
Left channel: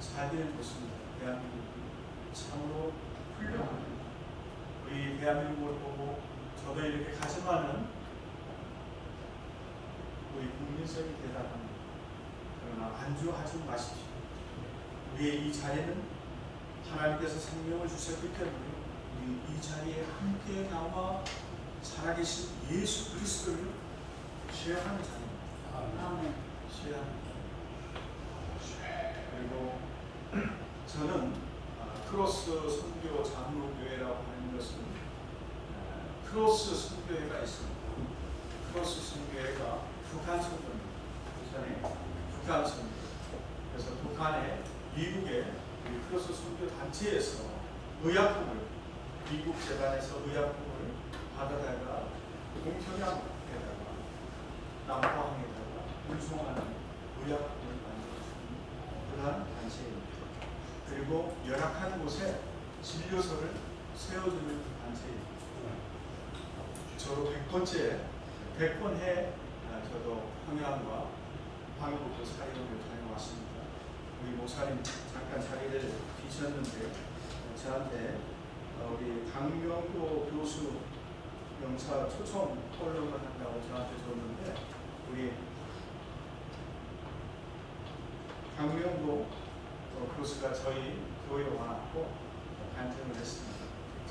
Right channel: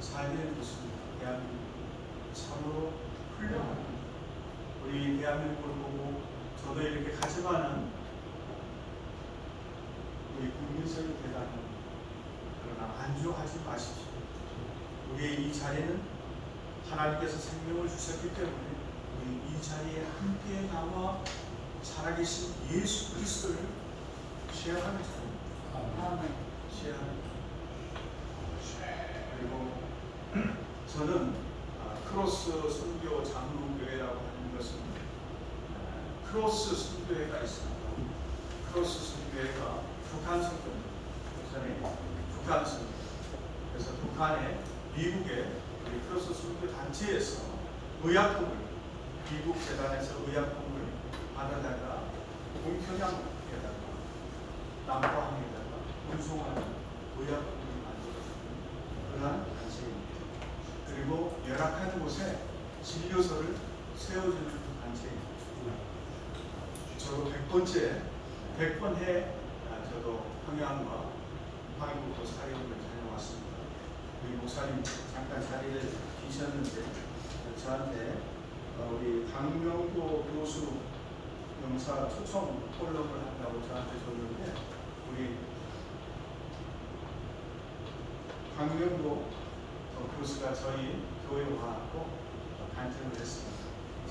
살기는 좋습니다. 대한민국이 참으로 훌륭합니다. 우리 대한민국을 보고 저도 이렇게 가지만은 우리 국민성이 대단합니다. 그러나 안주하지 마십시오. 우리의 이 자리는 하나님께서 생명을 주셨기 때문에 우리 이 자리에 함께 나와 살아계신 예수 그리스도를 쉐어하는 자리입니다. 아멘. 쉐어합니다. 그리고 저는 크로스 선교 장로교회라고 하는 것은 크로스 선교회가 있습니다. 크로스 선교회가 북한 선교입니다. 북한 선교. 그래서 북한에 미국의 크로스 선교 단체에서 의약품을 미국 재단에서 의약품을 받아다가 동편향에다가 남포항에다가 운송하는 의약품을 만들어주는 그러한 단체입니다. 그리고 열악한 곳에 진료소를 세워주는 단체입니다. 저도 100번 저도 평양과 방위국도 사역을 다녀왔습니다. 우리 목사님 잠깐 자리를 비셨는데 저한테 우리 강명도 교수 영사 초청 콜럼을 한다고 저한테 줬는데 우리 강명도 교수가 저희 교회 와서 간증을 했습니다.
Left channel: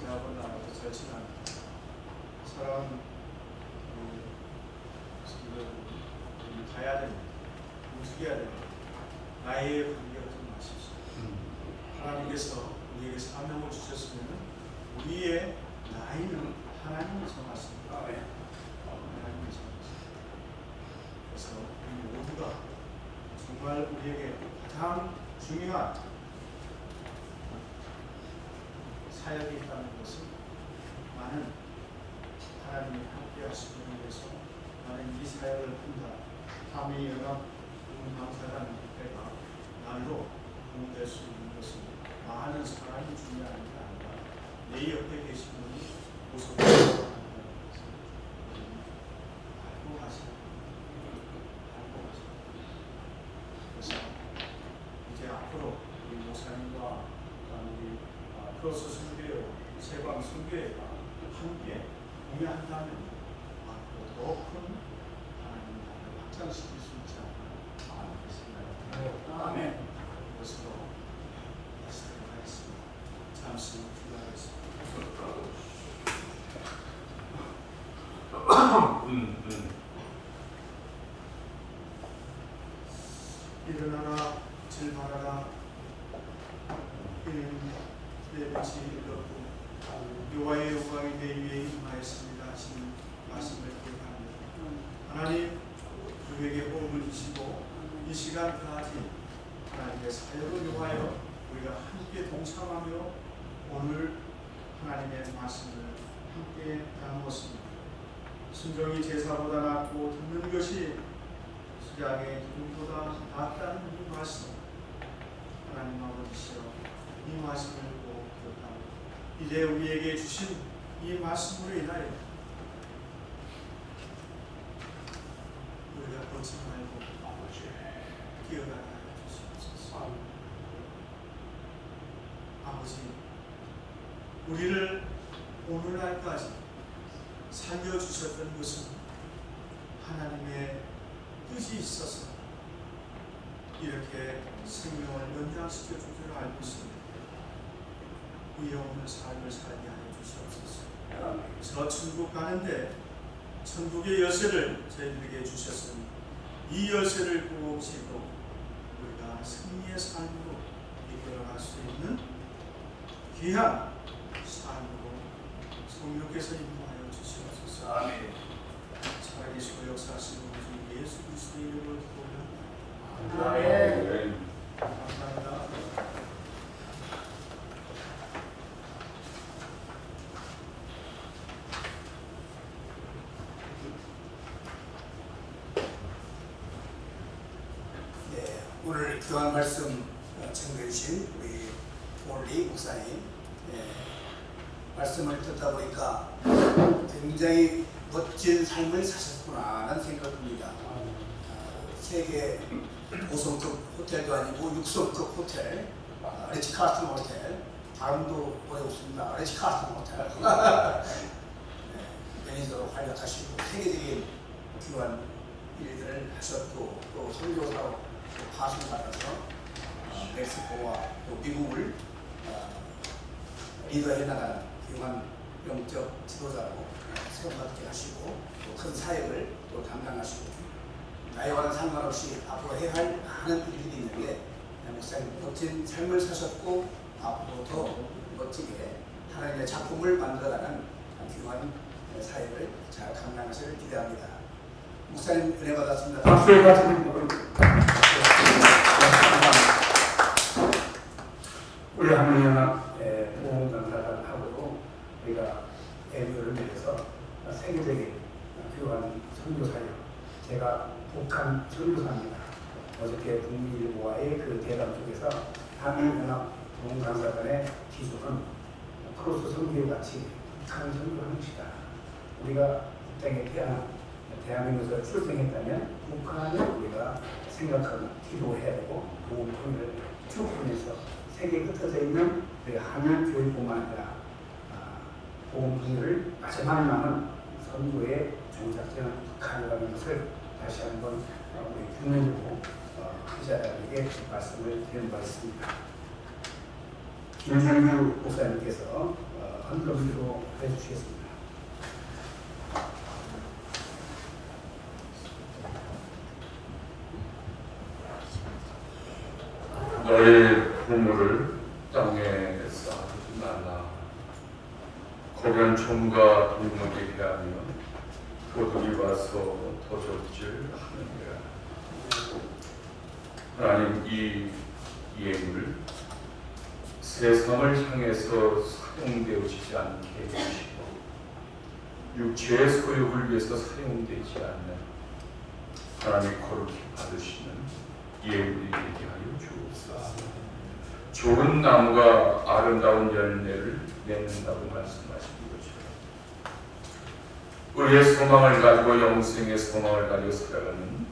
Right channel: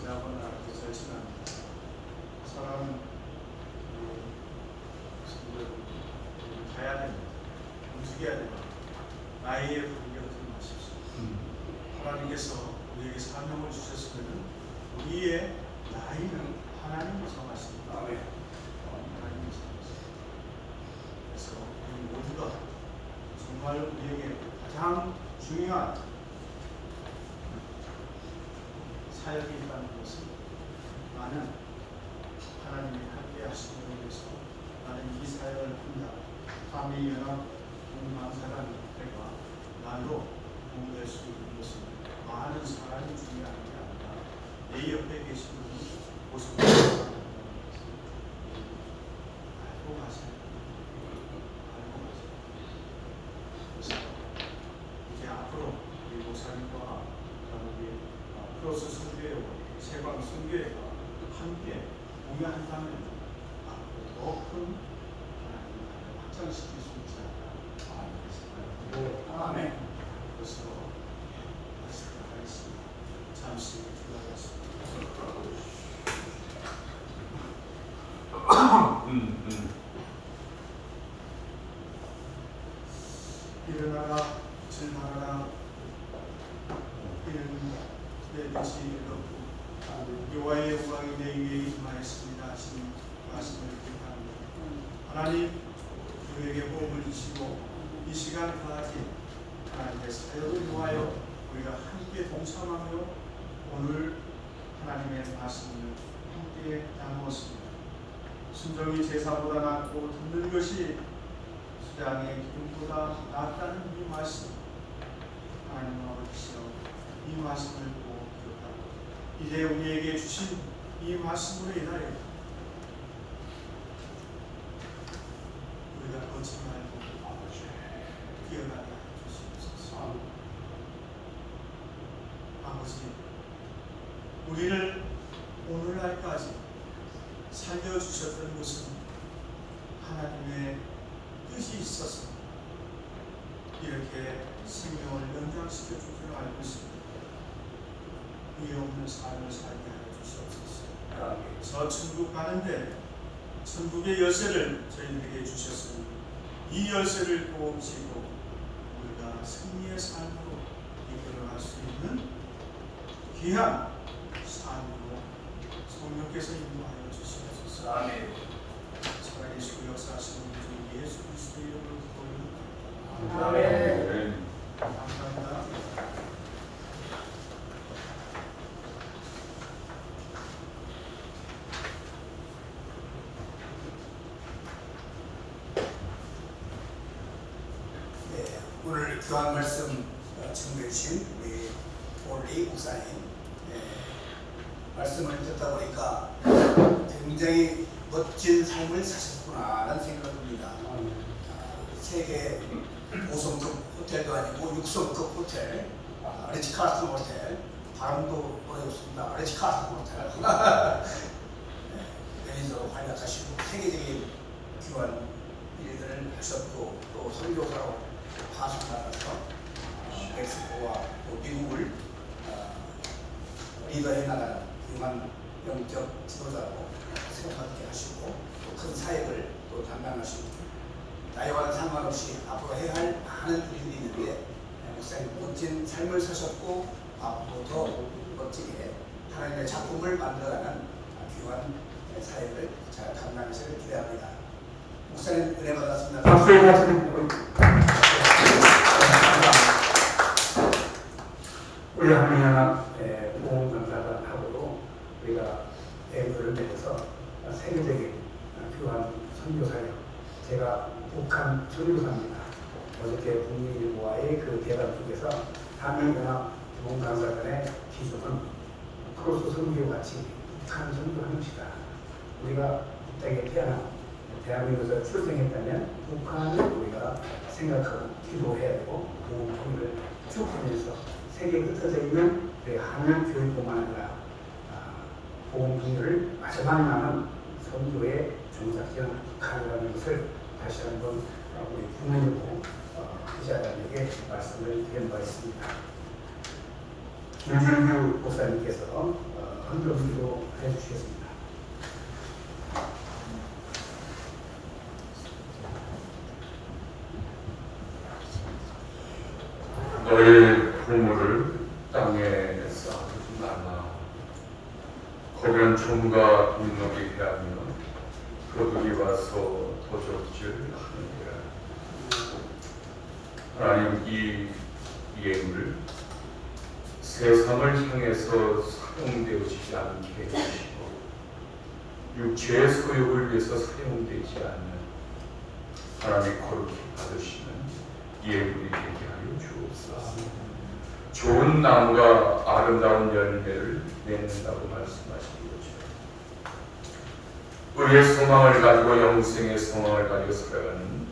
저하고는 아주 절친합니다. 사람 가야 됩니다. 움직여야 됩니다. 나이에 분별하지 마십시오. 하나님께서 우리에게 사명을 주셨으면 우리의 나이는 하나님이 정하십니다. 하나님이 정하십니다. 그래서 우리 모두가 정말 우리에게 가장 중요한 사역이 있다는 것은 나는 하나님이 함께 하시기 위해서 나는 이 사역을 한다. 한미연합 감사라는 때가 날로 도움될 수 있는 것은 많은 사람이 중요한 게 아니라 내 옆에 계신 분이 모습을 알고 가셔야 그래서 이제 앞으로 우리 목사님과 우리 크로스 선교회, 세방 선교회가 함께 공유한다면 앞으로 더 큰 하나님 나라를 확장시킬 수 있지 않을까 생각합니다. 아멘. 그것으로 마치도록 하겠습니다. 잠시 기도하겠습니다. 일어나라, 질만하라, 이는 내 빛이 일렀고 여호와의 영광이 내 위에 임하였습니다. 지금 말씀을 기억합니다. 하나님, 우리에게 호흡을 주시고 이 시간까지 하나님의 사역을 위하여 우리가 함께 동참하며 오늘 하나님의 말씀을 함께 나누었습니다. 순종이 제사보다 낫고 듣는 것이 수량의 기름보다 낫다는 이 말씀, 하나님 아버지시여 이 말씀을 꼭 기억하고 이제 우리에게 주신 이 말씀으로 인하여 우리가 뻗지 말고 뛰어나가 주시옵소서. 아버지, 우리를 오늘날까지 살려주셨던 것은 하나님의 뜻이 있어서 이렇게 생명을 연장시켜 줄 줄 알고 있습니다. 이 없는 삶을 살게 하여 주시옵소서. 저 천국 가는데 천국의 열쇠를 저희들에게 주셨으니 이 열쇠를 꼭 쥐고 우리가 승리의 삶으로 이끌어갈 수 있는 귀한 삶으로 성령께서 인도하여 주시옵소서. 아멘. 살아계시고 역사하시는 우리 주 예수 그리스도의 이름으로 기도합니다. 아멘. 감사합니다. 네, 오늘 교환 말씀 청해주신 우리 올리 목사님, 말씀을 듣다 보니까 굉장히 멋진 삶을 사셨구나라는 생각을 듭니다. 세계 5성급 호텔도 아니고 6성급 호텔, 리츠카르튼 호텔, 발음도 어렵습니다. 리츠카르튼 호텔. 매니저로 활약하시고 세계적인 귀한 일들을 하셨고 또 선교사로 파송받아서 멕시코와 또 미국을 리더해 나가는 훌륭한 영적 지도자로 생각받게 하시고 또 큰 사역을 또 담당하시고 나이와는 상관없이 앞으로 해야 할 많은 일들이 있는데 목사님 멋진 삶을 사셨고 앞으로 더 멋지게 하나님의 작품을 만들어가는 귀한 사역을 잘 감당하시길 기대합니다. 목사님 은혜 받았습니다. 우리 한미연합 보험감사를 하고 우리가 대우를 위해서 세계적인 선교사요. 제가 북한 선교사입니다. 어저께 북미일보와의 그 대담 속에서 한민연합 부흥강사단의 기술은 크로스 선교와 같이 북한을 선교하는 것이다. 우리가 북땅에 태어나 대한민국에서 출생했다면 북한을 우리가 생각하고 기도해야 되고 복음 통일을 쭉 하면서 세계 끝에 있는 우리 한일 교육뿐만 아니라 복음 통일을 마지막 남은 선교의 종착지는 북한이라는 것을 다시 한번 우리 국민으로 기자들에게 말씀을 드린 바 있습니다. 김준규 목사님께서 헌금기도 해주시겠습니다. 너의 보물을 땅에 쌓지 말라. 거변 총과 동력에 비하며 도둑이 와서 도적질하느니라. 하나님 이 예물을 세상을 향해서 사용되어지지 않게 해주시고 육체의 소욕을 위해서 사용되지 않는 하나님의 거룩히 받으시는 예물이 되게 하여 주옵소서. 좋은 나무가 아름다운 열매를 맺는다고 말씀하신 것처럼 우리의 소망을 가지고 영생의 소망을 가지고 살아가는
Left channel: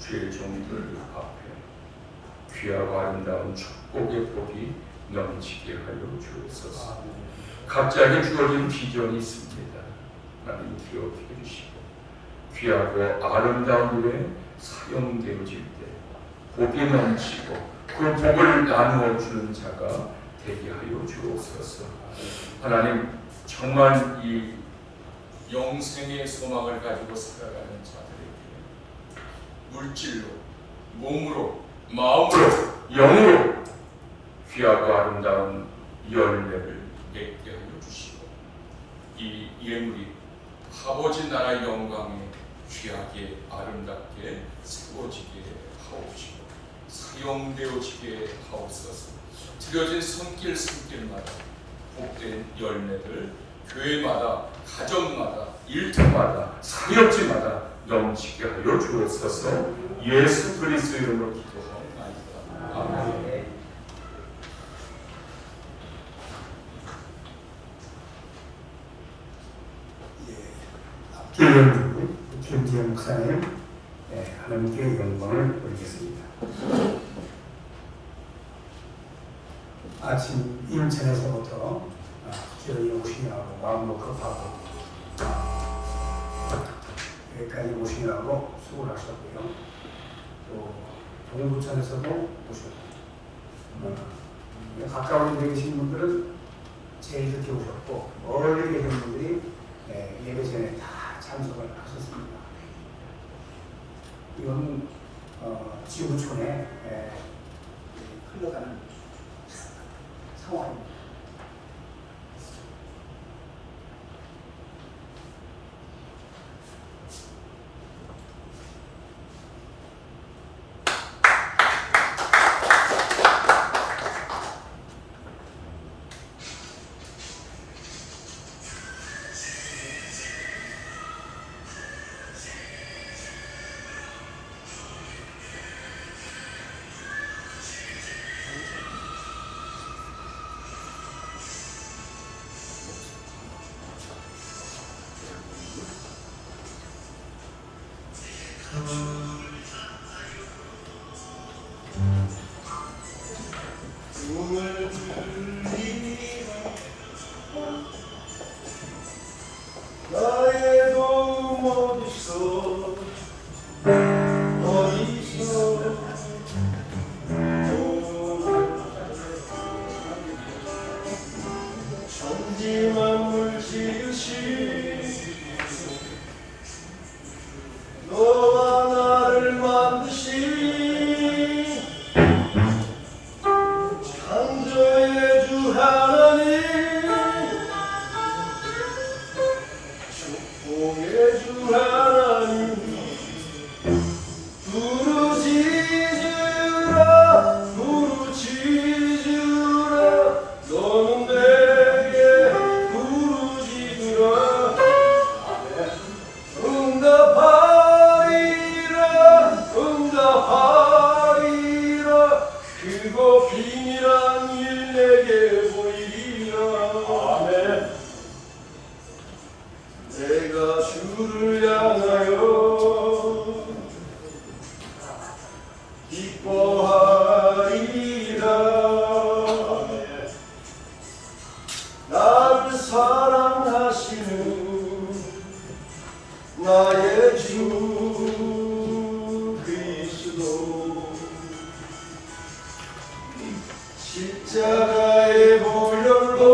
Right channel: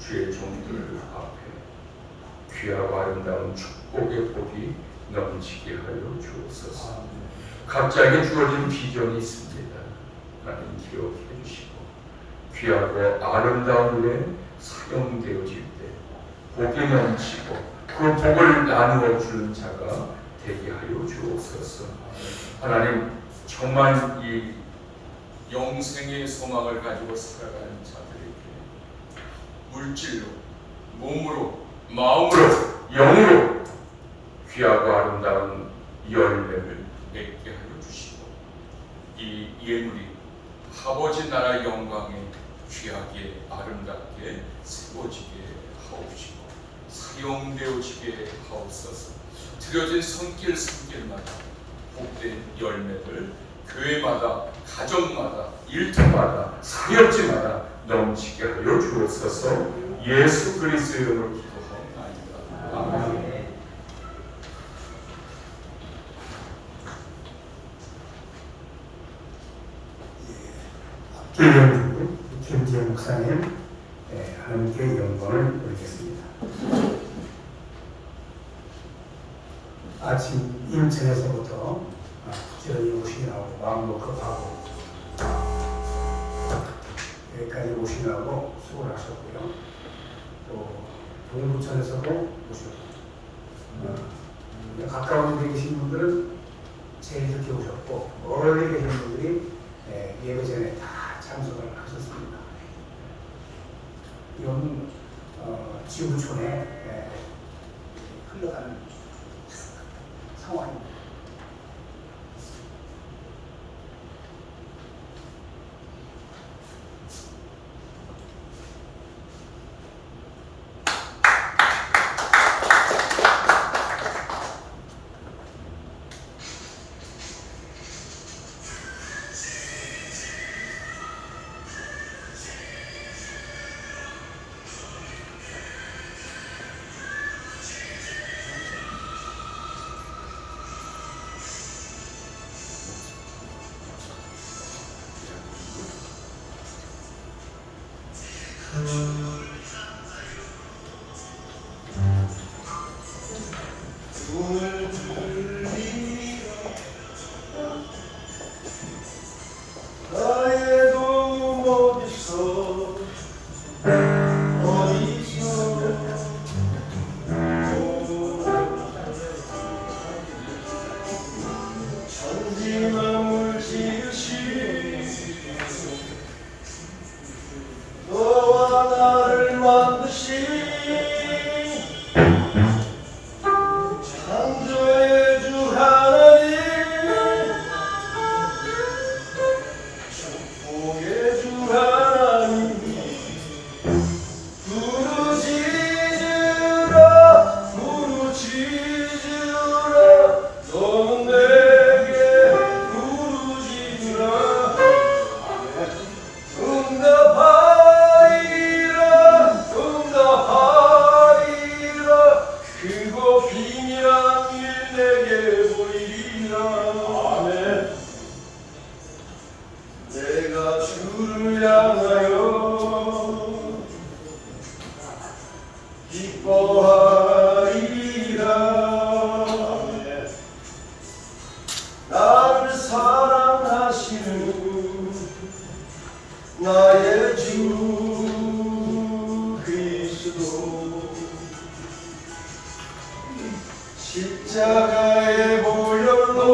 주의 종들 앞에 귀하고 아름다운 축복의 복이 넘치게 하여 주옵소서. 각자에게 주어진 비전이 있습니다. 하나님 기억해 주시고 귀하고 아름다운 일에 사용되어질 때 복이 넘치고 그 복을 나누어 주는 자가 되게 하여 주옵소서. 하나님 정말 이 영생의 소망을 가지고 살아가는 자들에게 물질로, 몸으로, 마음으로, 영으로 귀하고 아름다운 열매를 맺게 하여 주시고 이 예물이 아버지 나라 영광에 귀하게 아름답게 세워지게 하옵시고 사용되어지게 하옵소서. 드려진 손길마다 복된 열매들 교회마다 가정마다 일터마다 사역지마다 넘치게 하여 주옵소서. 예수 그리스도 이름으로 기도하옵나이다. 아멘. 김영주 김지영 목사님 하나님께 영광을 돌리겠습니다. 아침 인천에서부터 부지런히 오시느라고 마음도 급하고 여기까지 오시느라고 수고를 하셨고요. 또 동두천에서도 오셨고 가까운 데 계신 분들은 제일 늦게 오셨고 멀리 계신 분들이 예배 전에 다 참석을 하셨습니다. 이건 지구촌에 흘러가는 상황입니다. 주 하나님 향하여 기뻐하리라. 나를 사랑하시는 나의 주 그리스도 십자가의 보혈로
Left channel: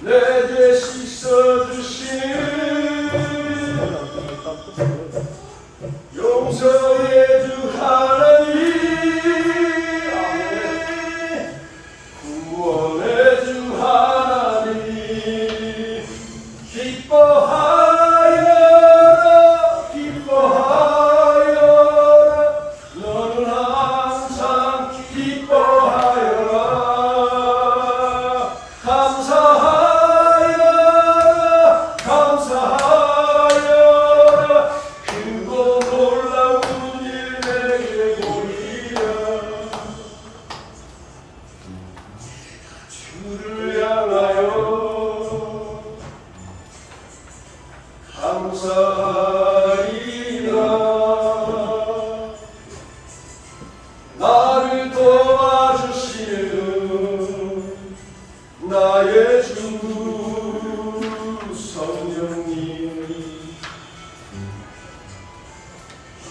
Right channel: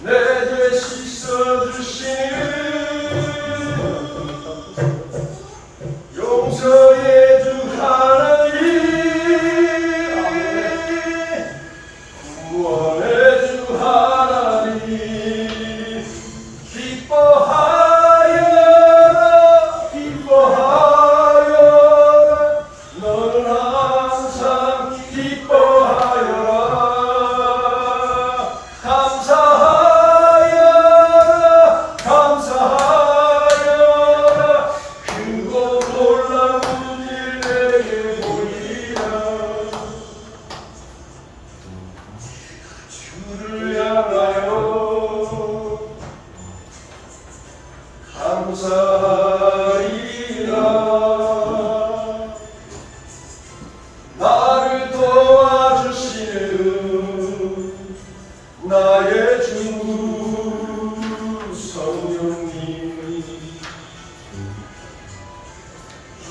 내 죄 씻어주시는 용서의 주 하나님, 구원의 주 하나님, 기뻐하여라 기뻐하여라. 너는 항상 기뻐하여라. 감사하여라 감사하여라. 크고 놀라운 일 내게 보이라. 주를 향하여 감사하리라. 나를 도와주시는 나의 주 성령님이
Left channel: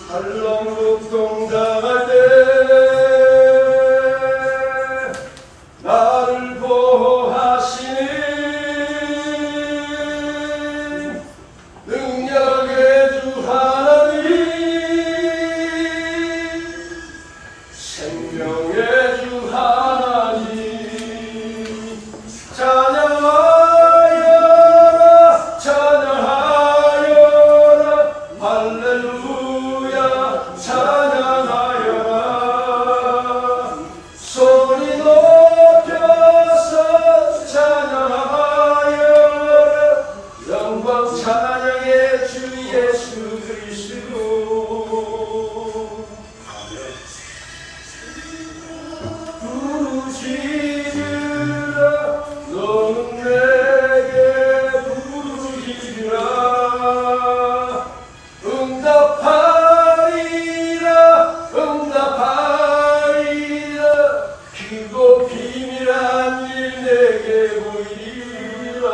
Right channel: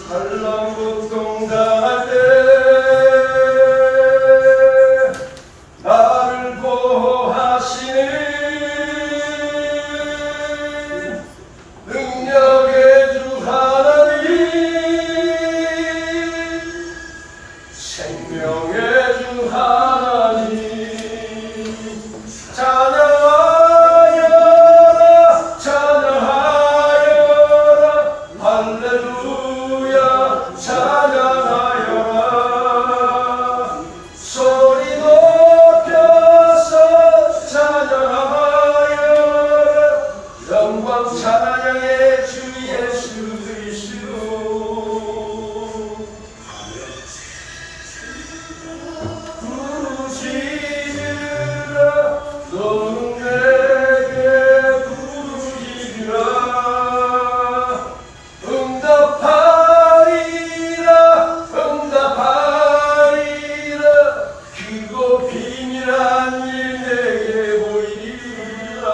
한란고통 당할 때 나를 보호하시는 능력의 주 하나님, 생명의 주 하나님, 찬양하여라 찬양하여라. 할렐루야 찬양하여라. 소리 높여서 찬양하여라. 영광 찬양의 주 예수 그리스도. 부르짖으라. 너는 내게 부르짖으라. 응답하리라 응답하리라. 크고 비밀한 일 내게 보이리라.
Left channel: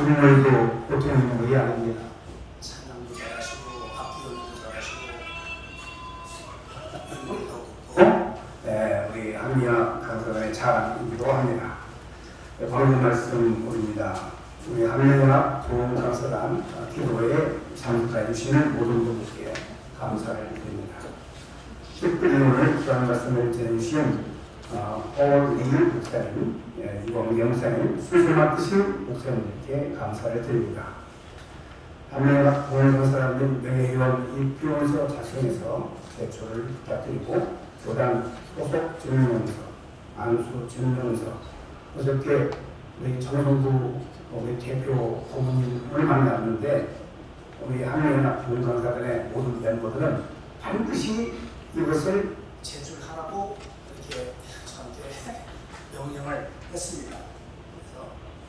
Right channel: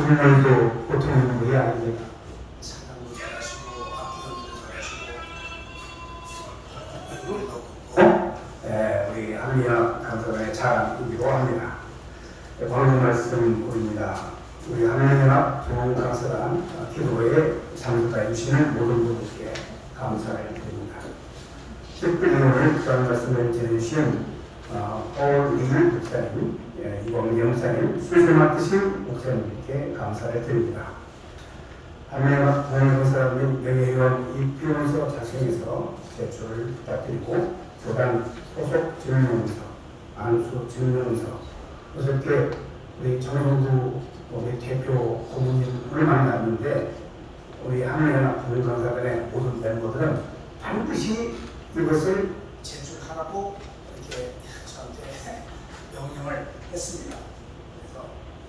이들도 보통 있는 일이 아닙니다. 찬양도 잘하시고 악기도 잘하시고 연극도 우리 한미야 감사관의 자랑이기도 합니다. 오늘 말씀입니다. 우리 한미야 좋은 감사관 기도에 참석해 주시는 모든 분들께 감사를 드립니다. 특별히 오늘 그런 말씀을 전해주신 허일일 목사님, 이광재 목사님, 수술 맡으신 목사님께 감사를 드립니다. 한미야 동행사님 명예회원 입교원서 작성해서 제출을 부탁드리고 교단 소속 증명서, 안수 증명서, 어저께 우리 정성부 우리 대표 고문님을 만났는데 우리 한미야 동행사단의 모든 멤버들은 반드시 이것을 제출하라고 이렇게 저한테 명령을 했습니다.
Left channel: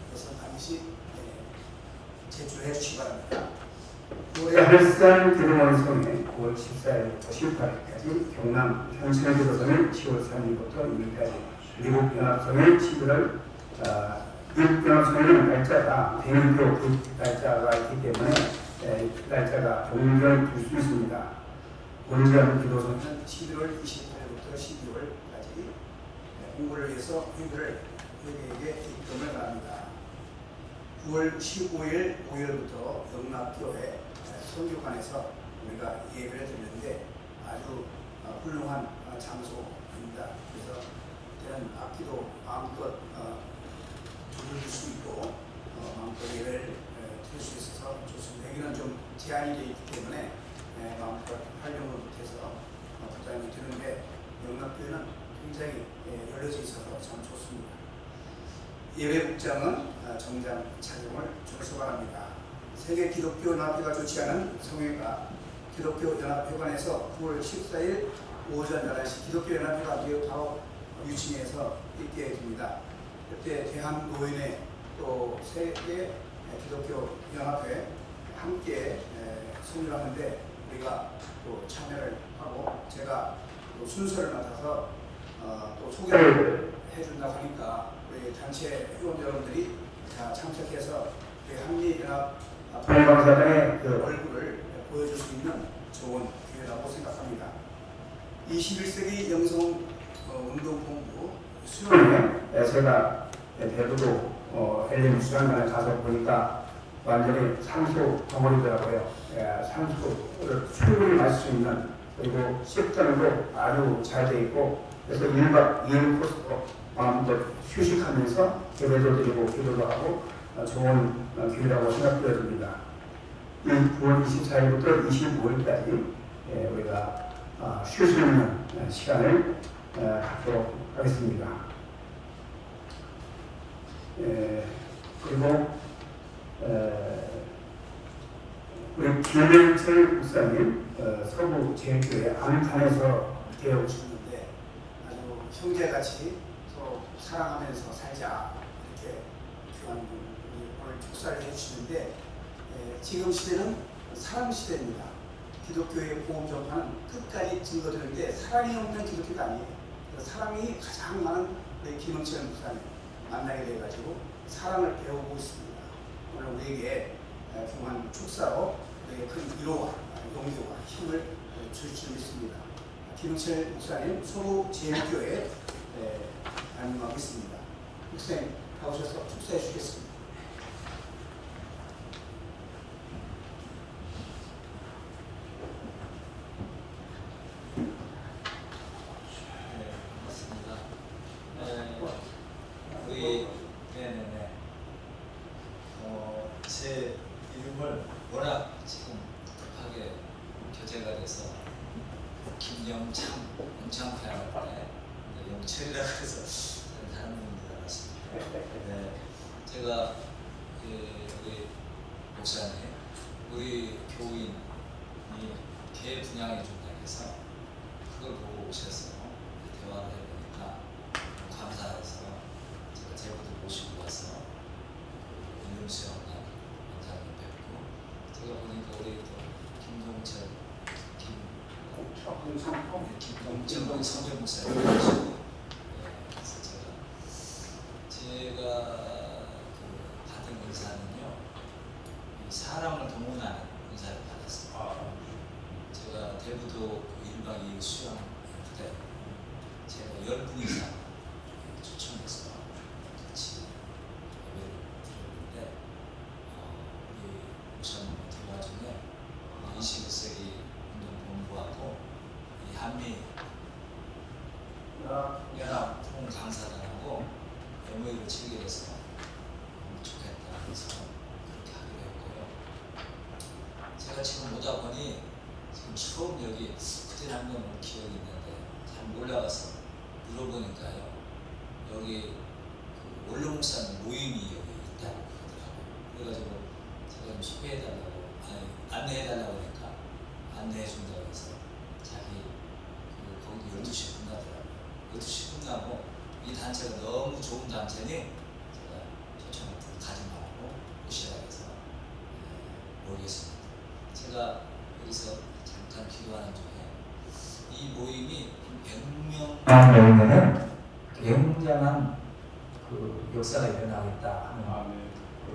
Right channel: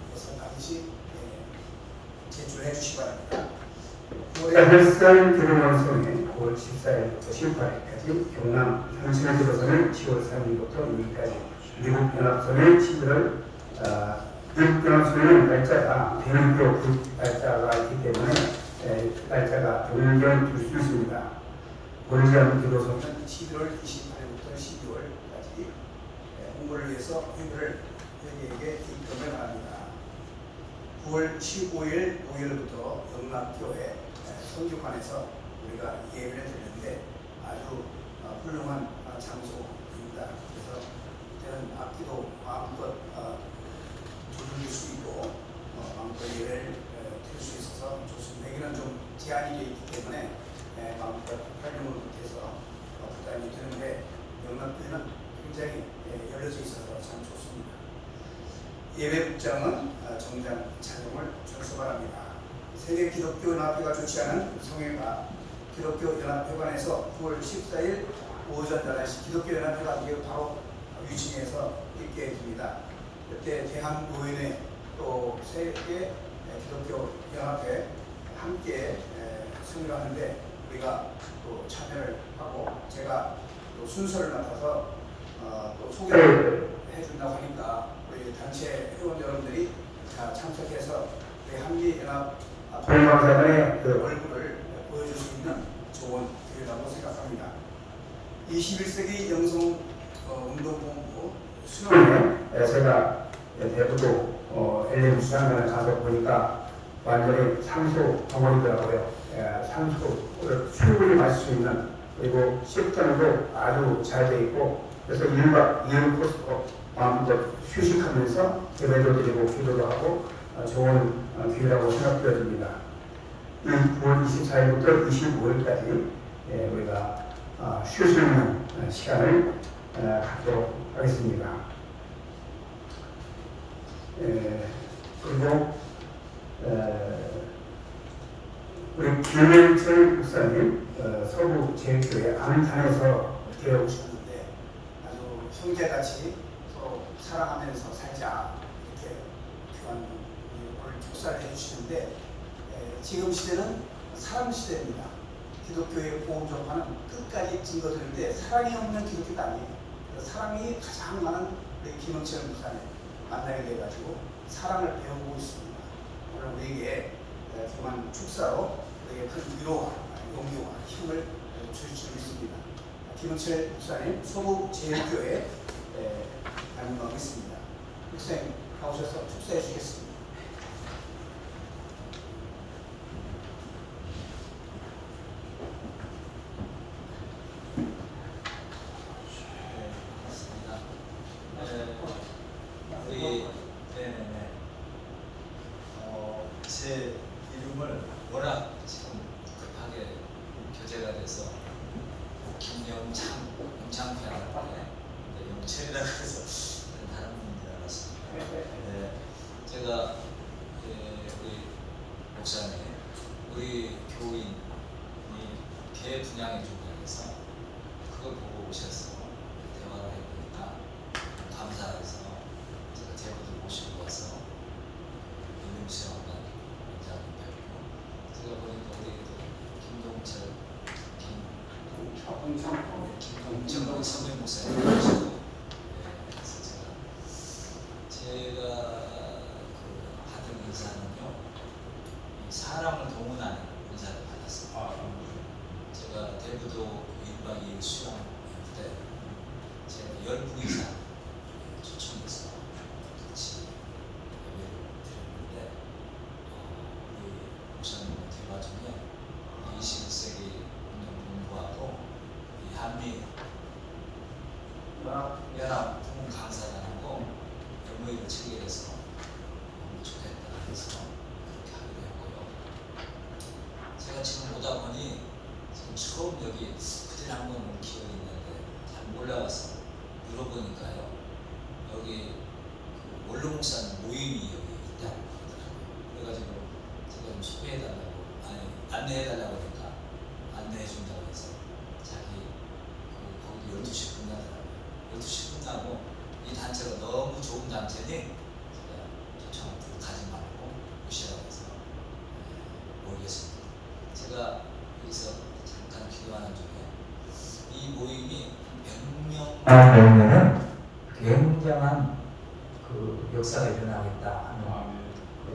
그래서 반드시 제출해 주시기 바랍니다. 헬산 드루먼성에 9월 14일부터 18일까지, 경남 현신에 들어서는 10월 3일부터 2일까지, 미국 연합성에 11월 미국 연합성에는 날짜가 대명표 날짜가 있기 때문에 날짜가 변경될 수 있습니다. 본전 기도서는 11월 28일부터 12월까지 홍보를 위해서 회의를 회계에게 입금을 바랍니다. 9월 15일 5일부터 영락교회 선교관에서 우리가 예배를 드리는데 아주 훌륭한 장소입니다. 그래서 이런 악기도 마음껏 두들길 수 있고 마음껏 예배를 드릴 수 있어서 좋습니다. 여기는 좀 제한이 되어 있기 때문에 마음껏 활용을 못해서 부담이 되는데 영락교회는 굉장히 열려져 있어서 참 좋습니다. 예배국장은 정장 착용을 준수 바랍니다. 세계 기독교 연합회가 조치하는 성회가 기독교 연합회관에서 9월 14일 오전 11시 기독교 연합회가 이게 바로 유치해서 있게 됩니다. 그때 대한노인회 또 세계 기독교 연합회 함께 승리를 하는데 우리가 또 참여를 하고 제가 또 순서를 맡아서 또 소개를 해준다고 하니까 우리 단체 회원 여러분들이 다 참석해서 한미연합 동방사단의 그 얼굴을 보여줄 수 있는 좋은 기회라고 생각합니다. 21세기 영성 운동본부 수련회 제가 대부도 엘림 수상관에 가서 보니까 완전히 산소 덩어리더라고요. 산소를 충분히 마실 수 있는 그리고 식단도 아주 잘 돼 있고 그래서 1박 2일 코스로 마음껏 휴식하면서 예배도 드리고 기도도 하고 좋은 기회라고 생각되어집니다. 9월 24일부터 25일까지 우리가 쉴 수 있는 시간을 갖도록 하겠습니다. 그리고 우리 김영철 목사님 서부 제일교회 안산에서 되어 오셨는데 아주 형제같이 서로 사랑하면서 살자 이렇게 귀한 오늘 축사를 해주시는데 지금 시대는 사랑 시대입니다. 기독교의 보험 전파는 끝까지 증거되는데 사랑이 없는 기독교가 아니에요. 사랑이 가장 많은 우리 김영철 목사님 만나게 돼가지고 사랑을 배우고 있습니다. 오늘 우리에게 중요한 축사로 우리에게 큰 위로와 용기와 힘을 줄 줄 믿습니다. 김영철 목사님 소부 제일교회 담임하고 있습니다. 목사님 나오셔서 축사해 주겠습니다. 제 이름을 워낙 지금 급하게 교체가 돼서 김영창편인데 영철이라 그래서 다른 분인 줄 알았습니다. 제가 우리 목사님, 우리 교인이 개 분양해 준다고 해서 그걸 보고 오셔서 대화를 해보니까 감사해서 제가 제보들 모시고 와서 윤수양과 원장님 뵙고 제가 보니까 우리 또 김동철 김동철 성경 목사님 모시고 그래서 제가 그 받은 은사는요 사람을 동원하는 은사를 받았습니다. 제가 대부도 1박 2일 수양할 때 제가 10분 이상 초청해서 같이 예배를 드렸는데 우리 목사님 대화 중에 21세기 운동본부하고 이 한미 연합 부흥 강사단하고 MOU를 체결해서 좋겠다 그래서 그렇게 하기로 했고요. 제가 지금 오다 보니 지금 처음 여기 그때 한번 온 기억이 있는데 잘 몰라가서 물어보니까요 여기 그 원로 목사님 모임이 여기 있다고 그러더라고요. 그래가지고 제가 좀 소개해달라고 안내해달라고 하니까 안내해준다고 해서 자기 거기 12시 끝나더라고요. 12시 끝나고 이 단체가 너무 좋은 단체니 제가 초청을 가지 말고 오시라 해서 모이겠습니다. 제가 여기서 잠깐 기도하는 중에 이 모임이 100명 모이면은 굉장한 그 역사가 일어나겠다 하는 그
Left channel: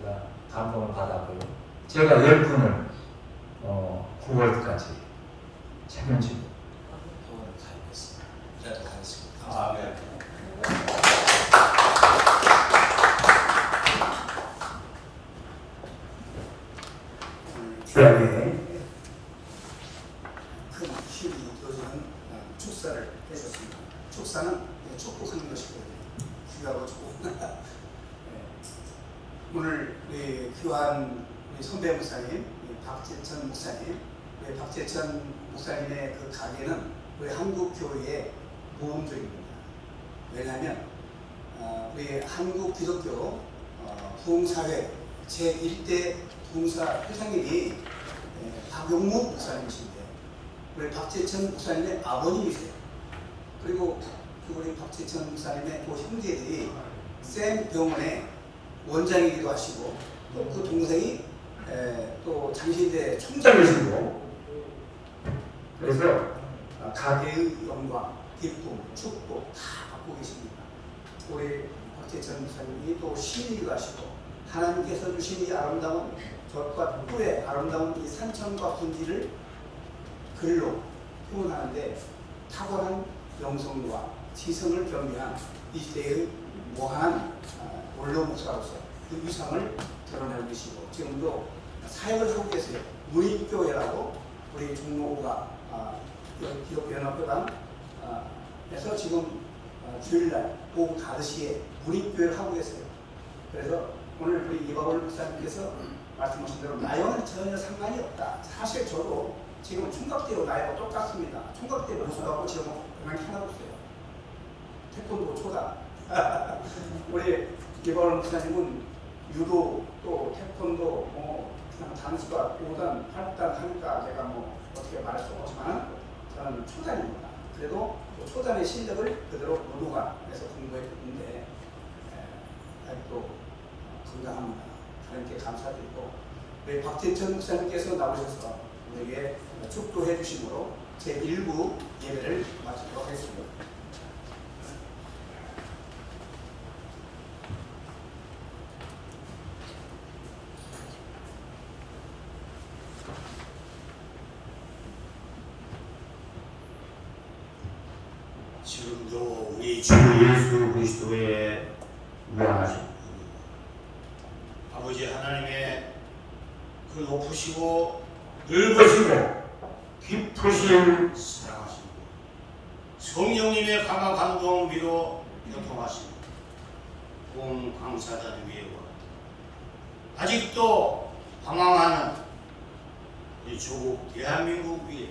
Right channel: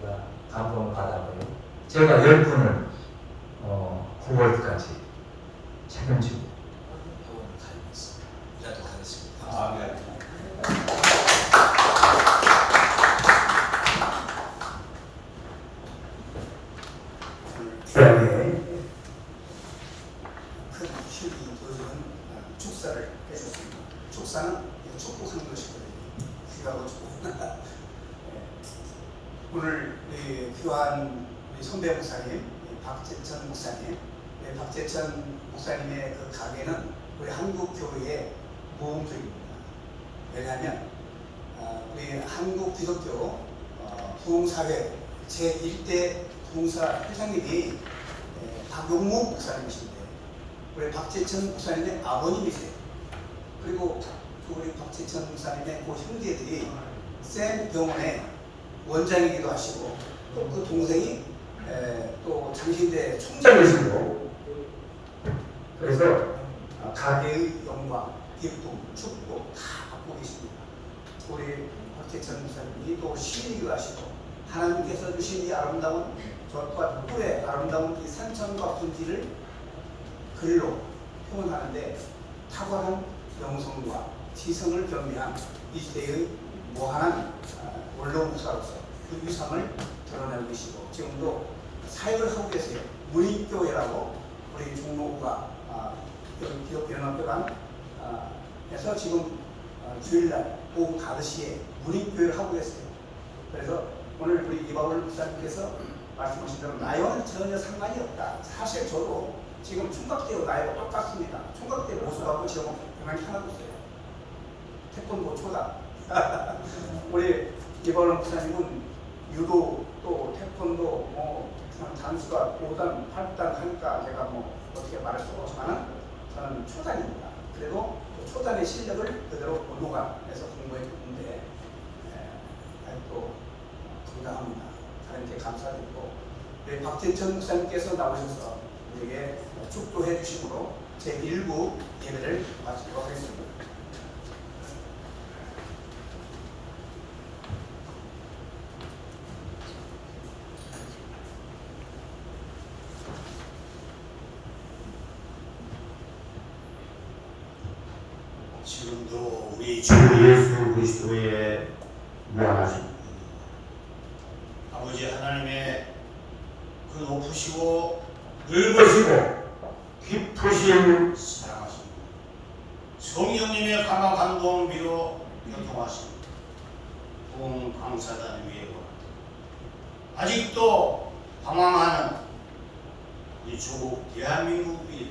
제가 감동을 받았고요. 제가 10분을 9월까지 책임지고 회원을 가입했습니다. 이라도 가겠습니다. 감사합니다. 귀하게 큰 힘이 되어주는 축사를 해줬습니다. 축사는 축복하는 것이거든요. 귀하고 축복. 오늘 우리 귀한 우리 선배 목사님, 박재천 목사님, 우리 박재천 목사님의 그 가게는 우리 한국 교회의 모험들입니다. 왜냐하면 우리 한국 기독교 부흥사회 제1대 부흥사 회장님이 박용무 목사님이신데 우리 박재천 목사님의 아버님이세요. 그리고 우리 박재천 목사님의 그 형제들이 샘 병원의 원장이기도 하시고 또 그 동생이 또 장신대 총장이시고 그래서 가게의 영광, 기쁨, 축복 다 받고 계십니다. 우리 박재천 목사님이 또 시인이기도 하시고 하나님께서 주신 이 아름다운 젖과 꿀의 아름다운 이 산천과 분지를 글로 표현하는데 탁월한 영성과 지성을 겸비한 이 시대의 무한한 원로 목사로서 그 위상을 드러내고 계시고 지금도 사역을 하고 계세요. 문익교회라고 우리 종로가 기독연합회관 에서 지금 주일날 오후 5시에 문익교회를 하고 계세요. 그래서 오늘 우리 이바울 목사님께서 말씀하신 대로 나이와는 전혀 상관이 없다. 사실 저도 지금 총각대하고 나이가 똑같습니다. 총각대 모습하고 지금 변한 게 하나도 없어요. 태권도 초단. 우리 이바울 목사님은 유도 또 태권도 뭐 단수가 5단, 8단 하니까 제가 뭐 어떻게 말할 수 없지만 저는 초단입니다. 그래도 초단의 실력을 그대로 노관에서 공부했는데 아직도 건강합니다. 하나님께 감사드리고 우리 박재천 목사님께서 나오셔서 우리에게 축도해 주심으로 제1부 예배를 마치도록 하겠습니다. 지금도 우리 주 예수 그리스도의 무한하신 아버지 하나님의 그 높으시고 넓으시고 깊으신 사랑하시고 성령님의 강한 감동 위로 교통하시고 온 강사단 위에와 아직도 방황하는 이 조국 대한민국 위에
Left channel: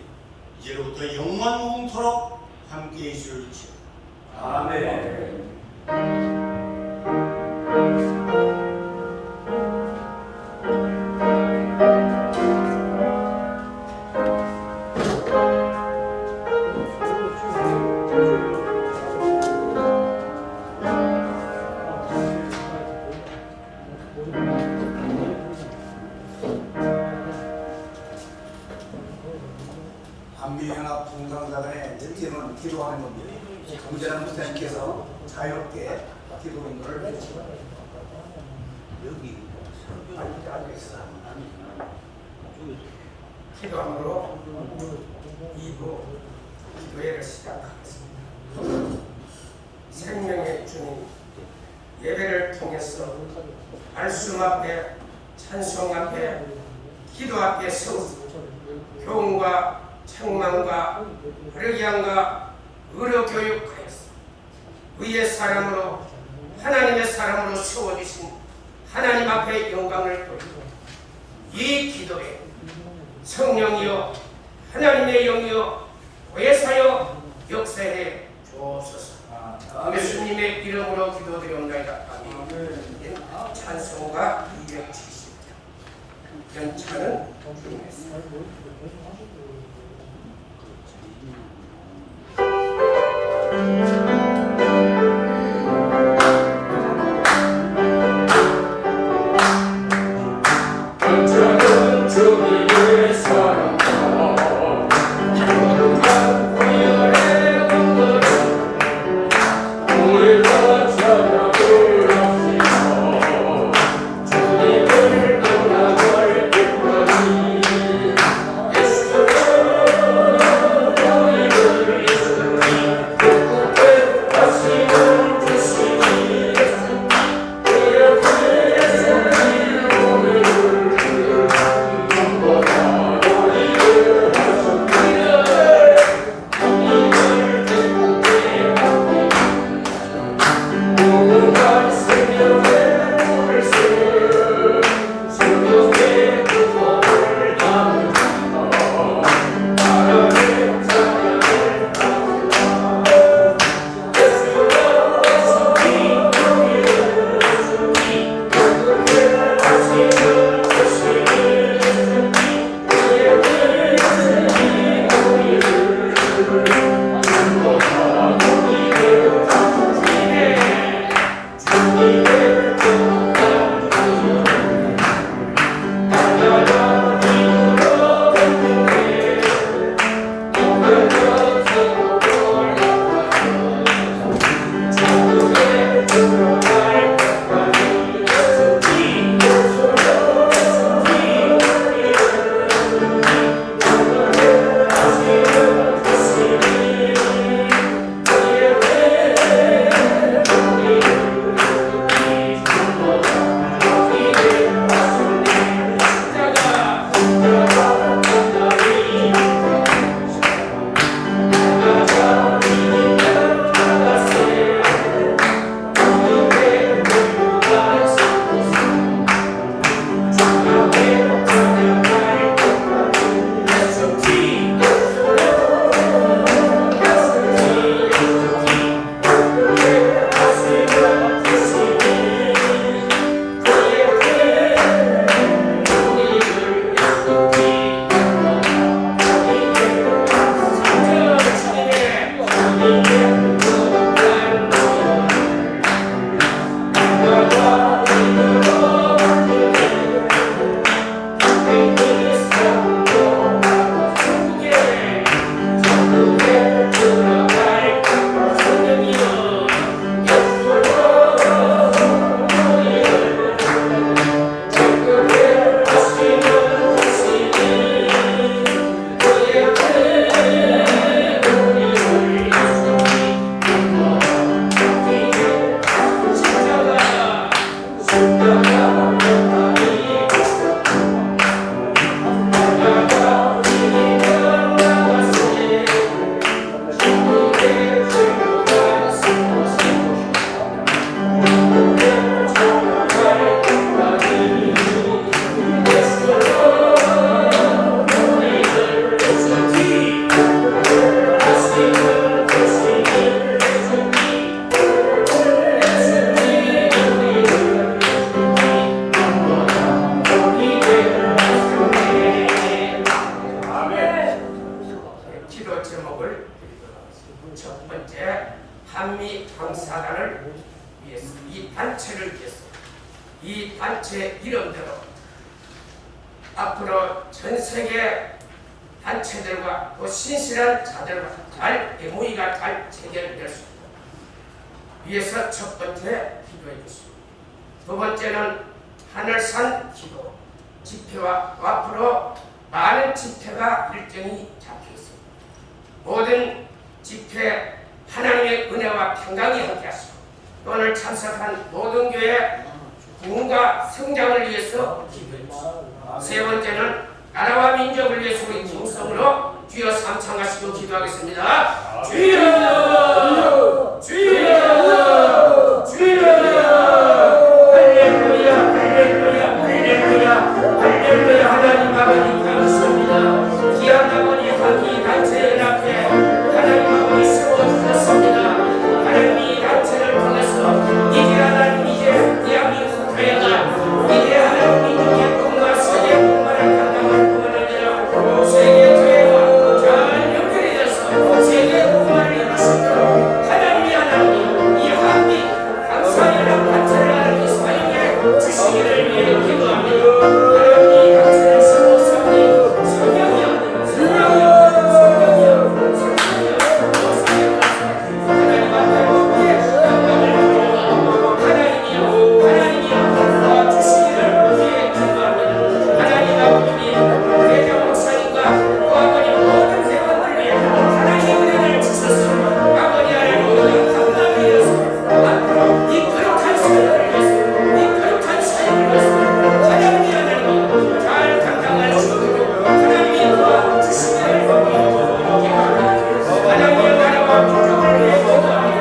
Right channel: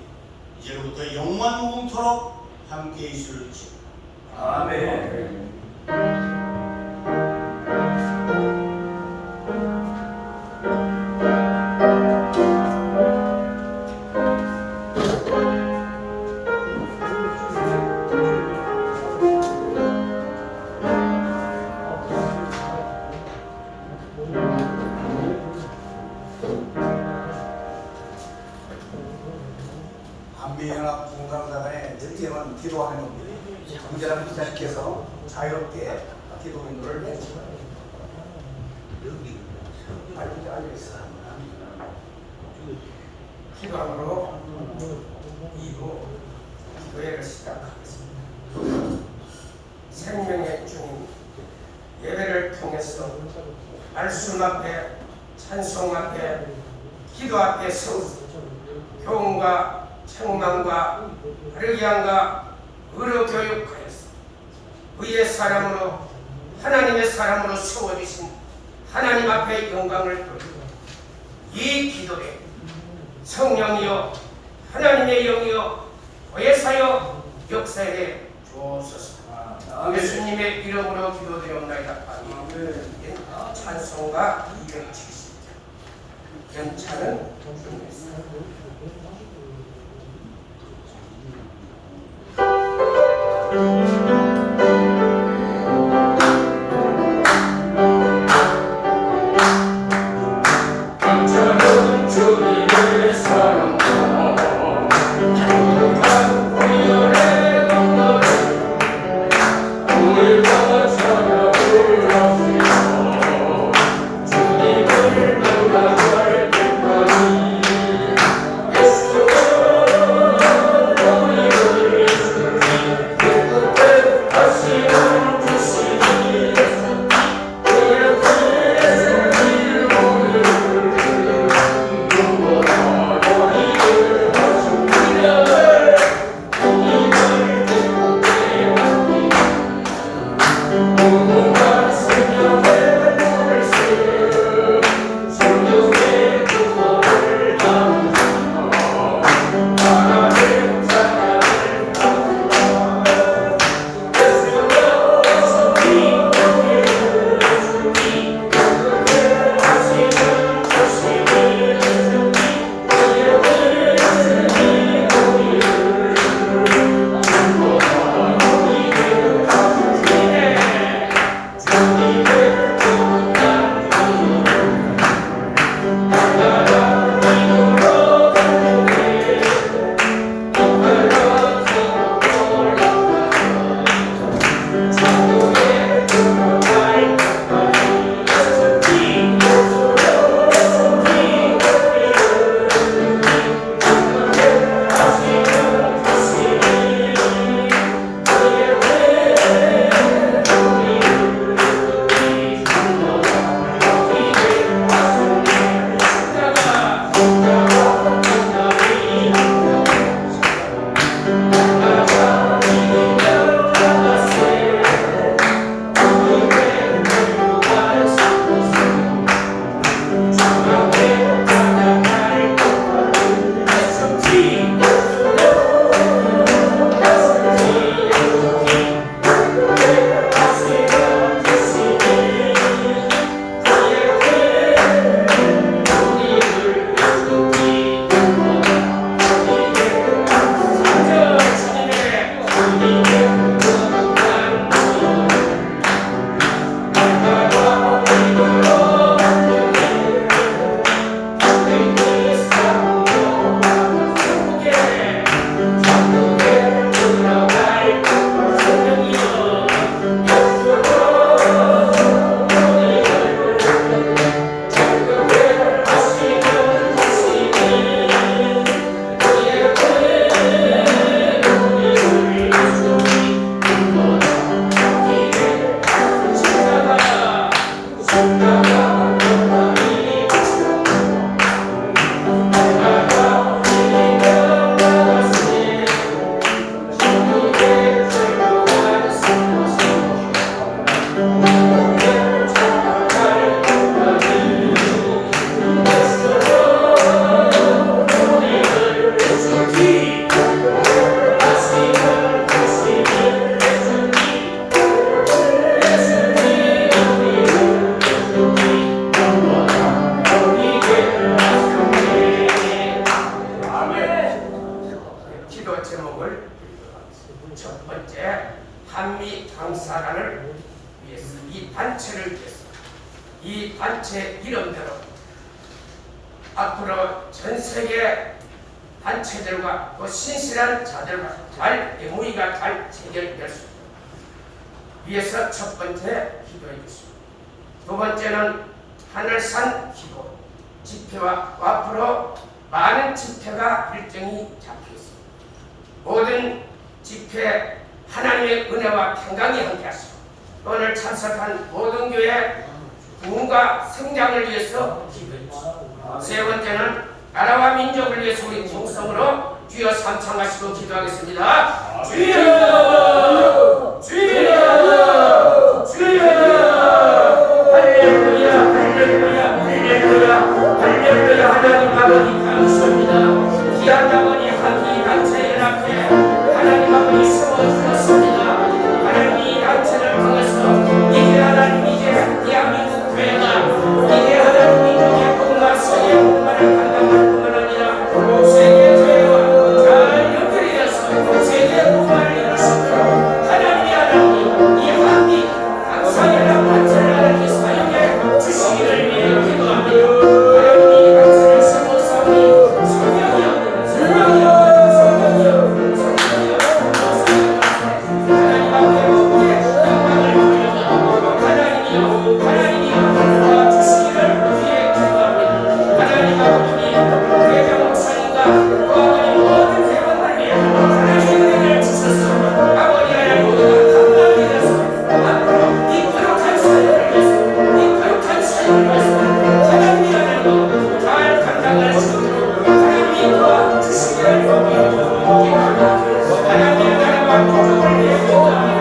이제로부터 영원 무궁토록 함께 있을지. 아멘. 한미연합 부흥강사단의 특징은 기도하는 겁니다. 정재란 목사님께서 자유롭게 기도 인도를 해주시고 여기 알겠습니다. 기도함으로 2부 기도회를 시작하겠습니다. 생명의 주님 예배를 통해서 말씀 앞에 찬송 앞에 기도 앞에 서서 교훈과 책망과 화력양과 의료 교육하여서 의의 사람으로 하나님의 사람으로 세워주신 하나님 앞에 영광을 돌리고 이 기도에 성령이여 하나님의 영이여 보혜사여 역사에 주옵소서. 예수님의 이름으로 기도드리옵나이다. 아멘. 찬송가 270장 연차는 주님의 사랑. 예수 기도 제목을 첫 번째 한미 강사단을 위해서, 이 단체를 위해서, 이 단체 이름대로 앞으로 전 세계 단체들과 또 신실한 자들과 잘 MOU가 잘 체결될 수 있도록 위해서 첫 번째 기도해 주십니다. 두 번째는 하늘산 기도 집회와 앞으로 많은 집회가 일정이 잡혀 있습니다. 모든 집회 하나님의 은혜와 평강이 함께하시고 오늘 참석한 모든 교회 부흥과 성장을 위해서 기도해 주십니다. 세 번째는 나라와 민족을 위해서 우리 통성으로 주여 삼창하시고 기도하겠습니다. 주여! 주여! 주여! 할렐루야! 할렐루야! 할렐루야! 할렐루야! 하나님 아버지 감사합니다. 귀한 아버지 한미 단체 연합회 하나님 아버지 세워주셨습니다. 하나님 이 단체를 통해서 이제 하나님 이제 대한민국 교회가 이제 하나님 민족의 꿈과 세계 꿈만을 감당할 뿐만 아니라 세계 교회와 잘 연결이 되어서 세계 꿈만을 이룰 수 있도록 하나님이 하나님 이 한미 강사연합 단체를 하나님 사용해 주시기를 위해 기도합니다. 하나님 이 단체를 세워 세우니 성령이여 성령이여 성령이여 성령이여 하나님 앞에 우리의 영광을 돌려서 하나님이여 하나님이여 주시기를 위해 기도합니다. 하나님 아버지 회장 목사님과 또 아버지 모든 회원을 위해 하나님의 은혜를 주셔서 아버지 하나님 우리가 감당이 되어서 앞으로 이 거룩한 사역을 위해서 이 거룩한 사역을 위해서 하나님이 하나님 잘 감당할 수 있도록 하나님이 도와주시기를 기도합니다. 하나님의 나라와 민족을 위해 기도합니다.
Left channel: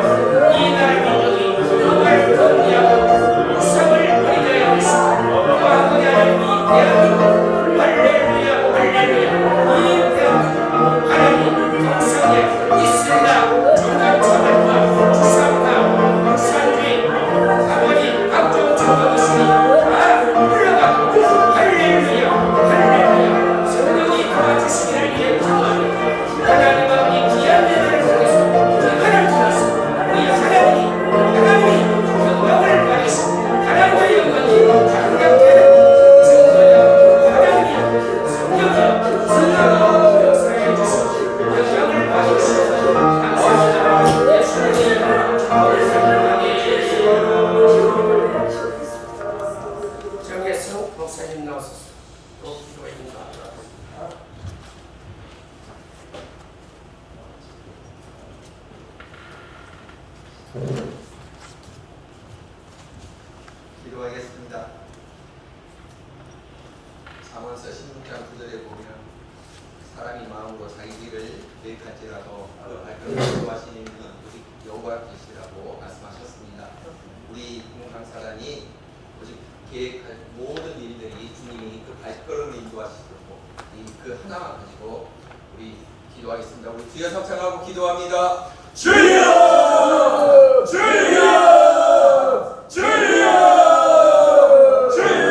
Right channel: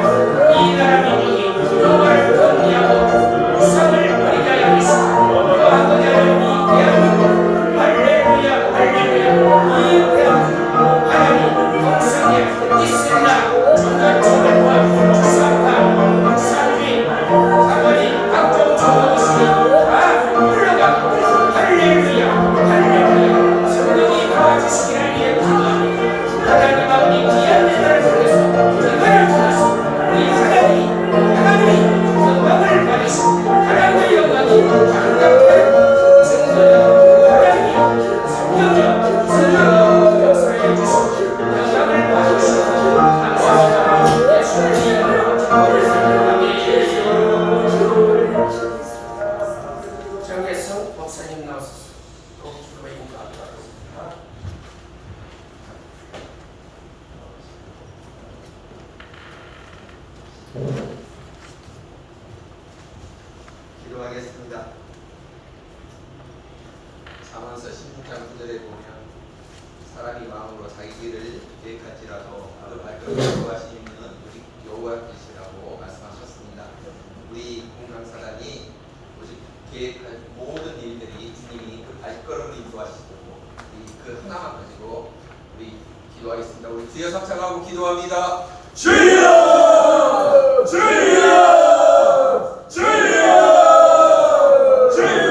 이 나라 민족이 영화를 정리하고 우상을 버리게 하시고 또 아버지 하나님 이 대한민국 할렐루야 할렐루야 이 대한민국 하나님 동성애 이슬람 종교차별권 주상파 산주의 아버지 각종 종교의식이 다 흘러가고 할렐루야 할렐루야 성령이 도와주시기를 위해 기도합니다. 하나님 아버지 귀한 예배를 통해서 예배를 통해서 우리 하나님이 영광을 받으시고 하나님의 영광이 아름답게 증거되고 하나님이 성령이여 성령이여 역사해 주시고 영광을 받으시고 감사합니다. 예수님의 이름으로 기도합니다. 아멘. 정혜성 목사님 나오셔서 또 기도해 인도하도록 하겠습니다. 기도하겠습니다. 잠언서 16장 9절에 보면 사람이 마음으로 자기 길을 계획할지라도 바로 발걸음을 인도하시는 이는 오직 여호와께시라고 말씀하셨습니다. 우리 공강사단이 오직 계획할 모든 일들이 주님이 그 발걸음을 인도하시도록 그 하나만 가지고 우리 기도하겠습니다. 우리 주여 삼창하고 기도합니다. 주여! 주여! 주여! 주여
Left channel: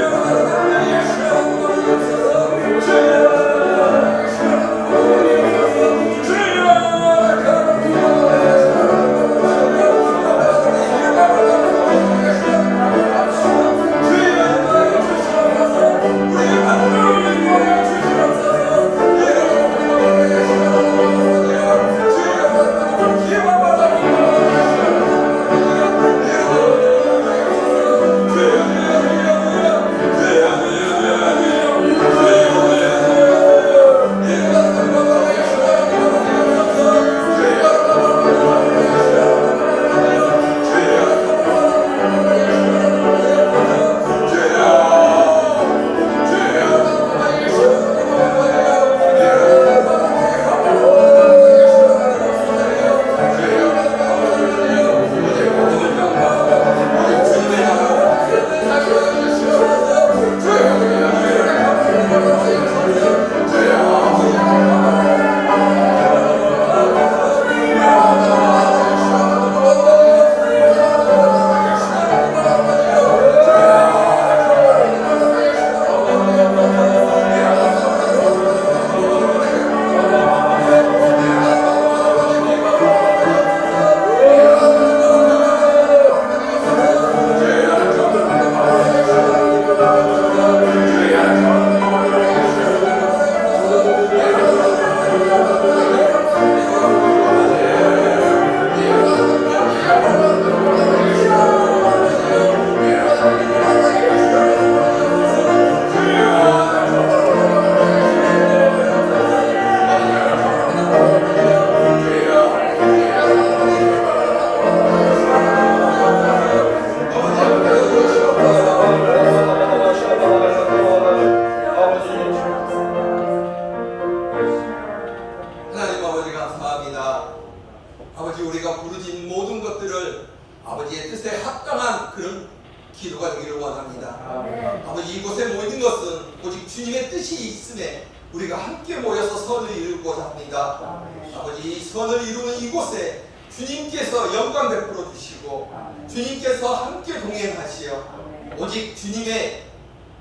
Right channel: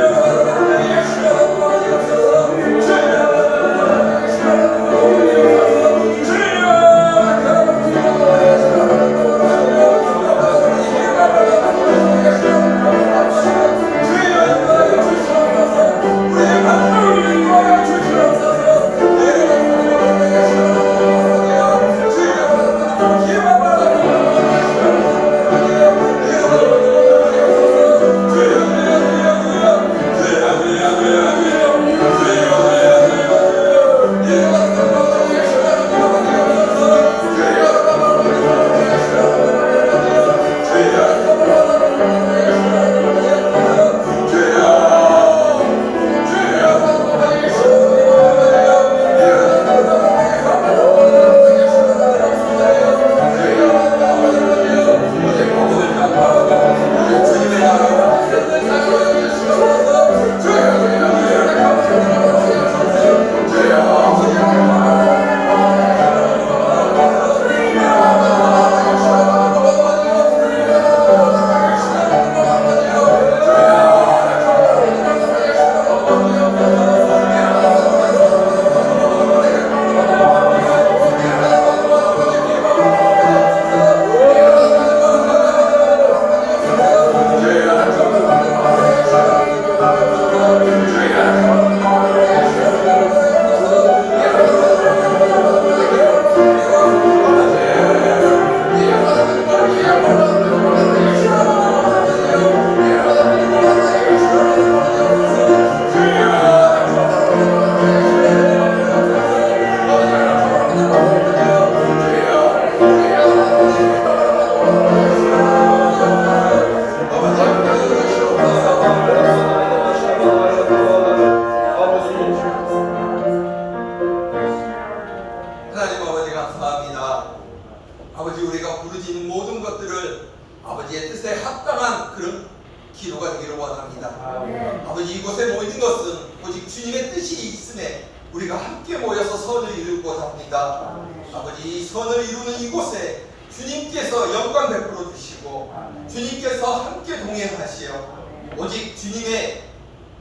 아버지 이곳에 모인 것은 오직 주님의 뜻이 있음에 우리가 함께 모여서 선을 이루고자 합니다. 아버지 이 선을 이루는 이곳에 주님께서 영광 베풀어 주시고 주님께서 함께 동행하시어 오직 주님의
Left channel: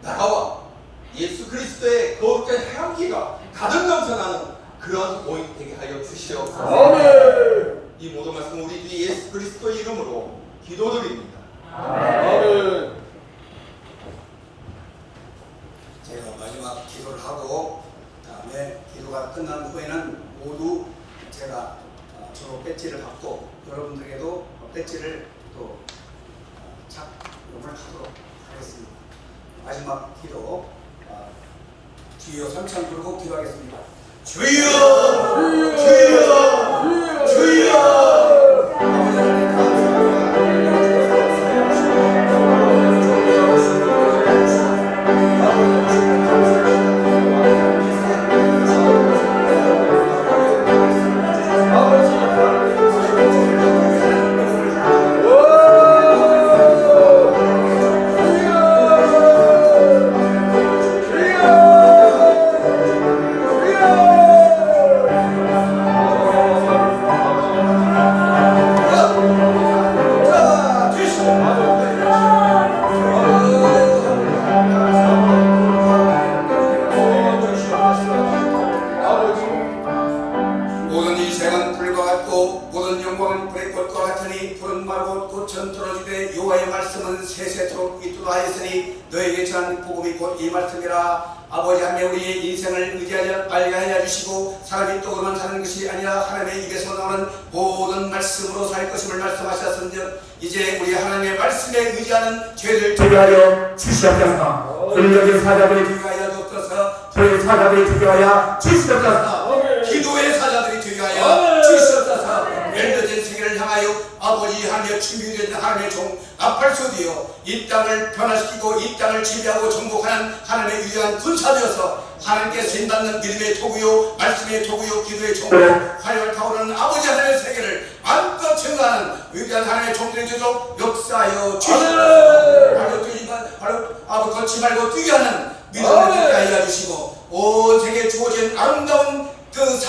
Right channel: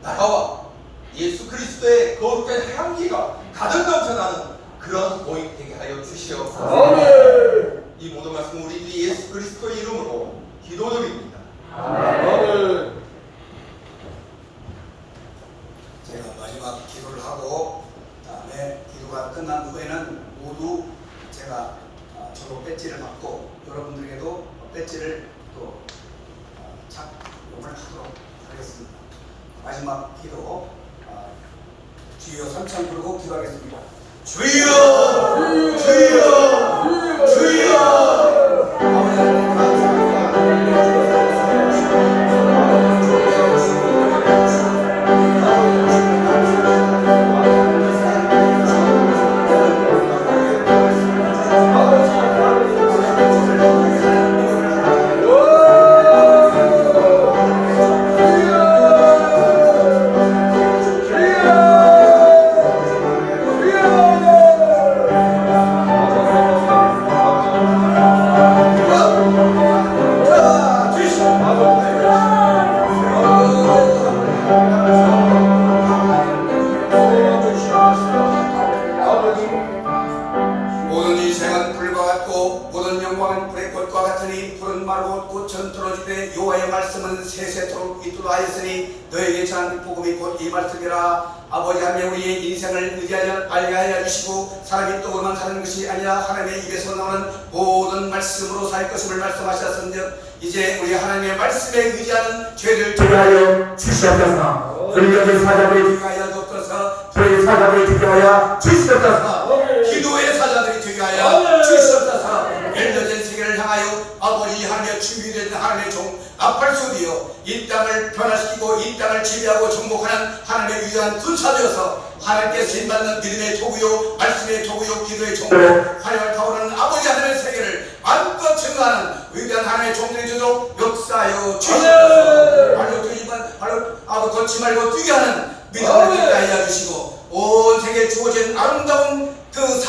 나라와 예수 그리스도의 거룩한 향기가 가득 넘쳐나는 그런 모임 되게 하여 주시옵소서. 이 모든 말씀 우리 주 예수 그리스도의 이름으로 기도드립니다. 제가 마지막 기도를 하고 그다음에 기도가 끝난 후에는 모두 제가 졸업 배지를 받고 여러분들에게도 배지를 또 착용을 하도록 하겠습니다. 마지막 기도 주여 삼창 부르고 기도하겠습니다. 주여 주여 주여 아버지 하나님 이 말씀이라. 아버지 하나님 우리의 인생을 의지하여 알게 주시고 사람이 떡으로만 사는 것이 아니라 하나님의 입에서 나오는 모든 말씀으로 살 것임을 말씀하셨은즉 이제 우리 하나님의 말씀에 의지하는 죄를 주하여 주시옵소서. 불교의 사자들이 위하여 주옵소서. 불교의 사자들이 주하여 주시옵소서. 기도의 사자들이 되하여 주시옵소서. 열려진 세계를 향하여 아버지 하나님의 준비된 하나님의 종 나팔소리여 이 땅을 변화시키고 이 땅을 지배하고 정복하는 하나님의 위대한 군사되어서 하나님께 쓰임받는 믿음의 도구요 말씀의 도구요 기도의 종으로 활활 타오르는 아버지 하나님의 세계를 마음껏 증거하는 위대한 하나님의 종들이 되도록 역사하여 주시옵소서. 발로 뛰지만 발로 걷지 말고 뛰게 하는 믿음을 듣게 하여 주시고 온 세계에 주어진 아름다운 그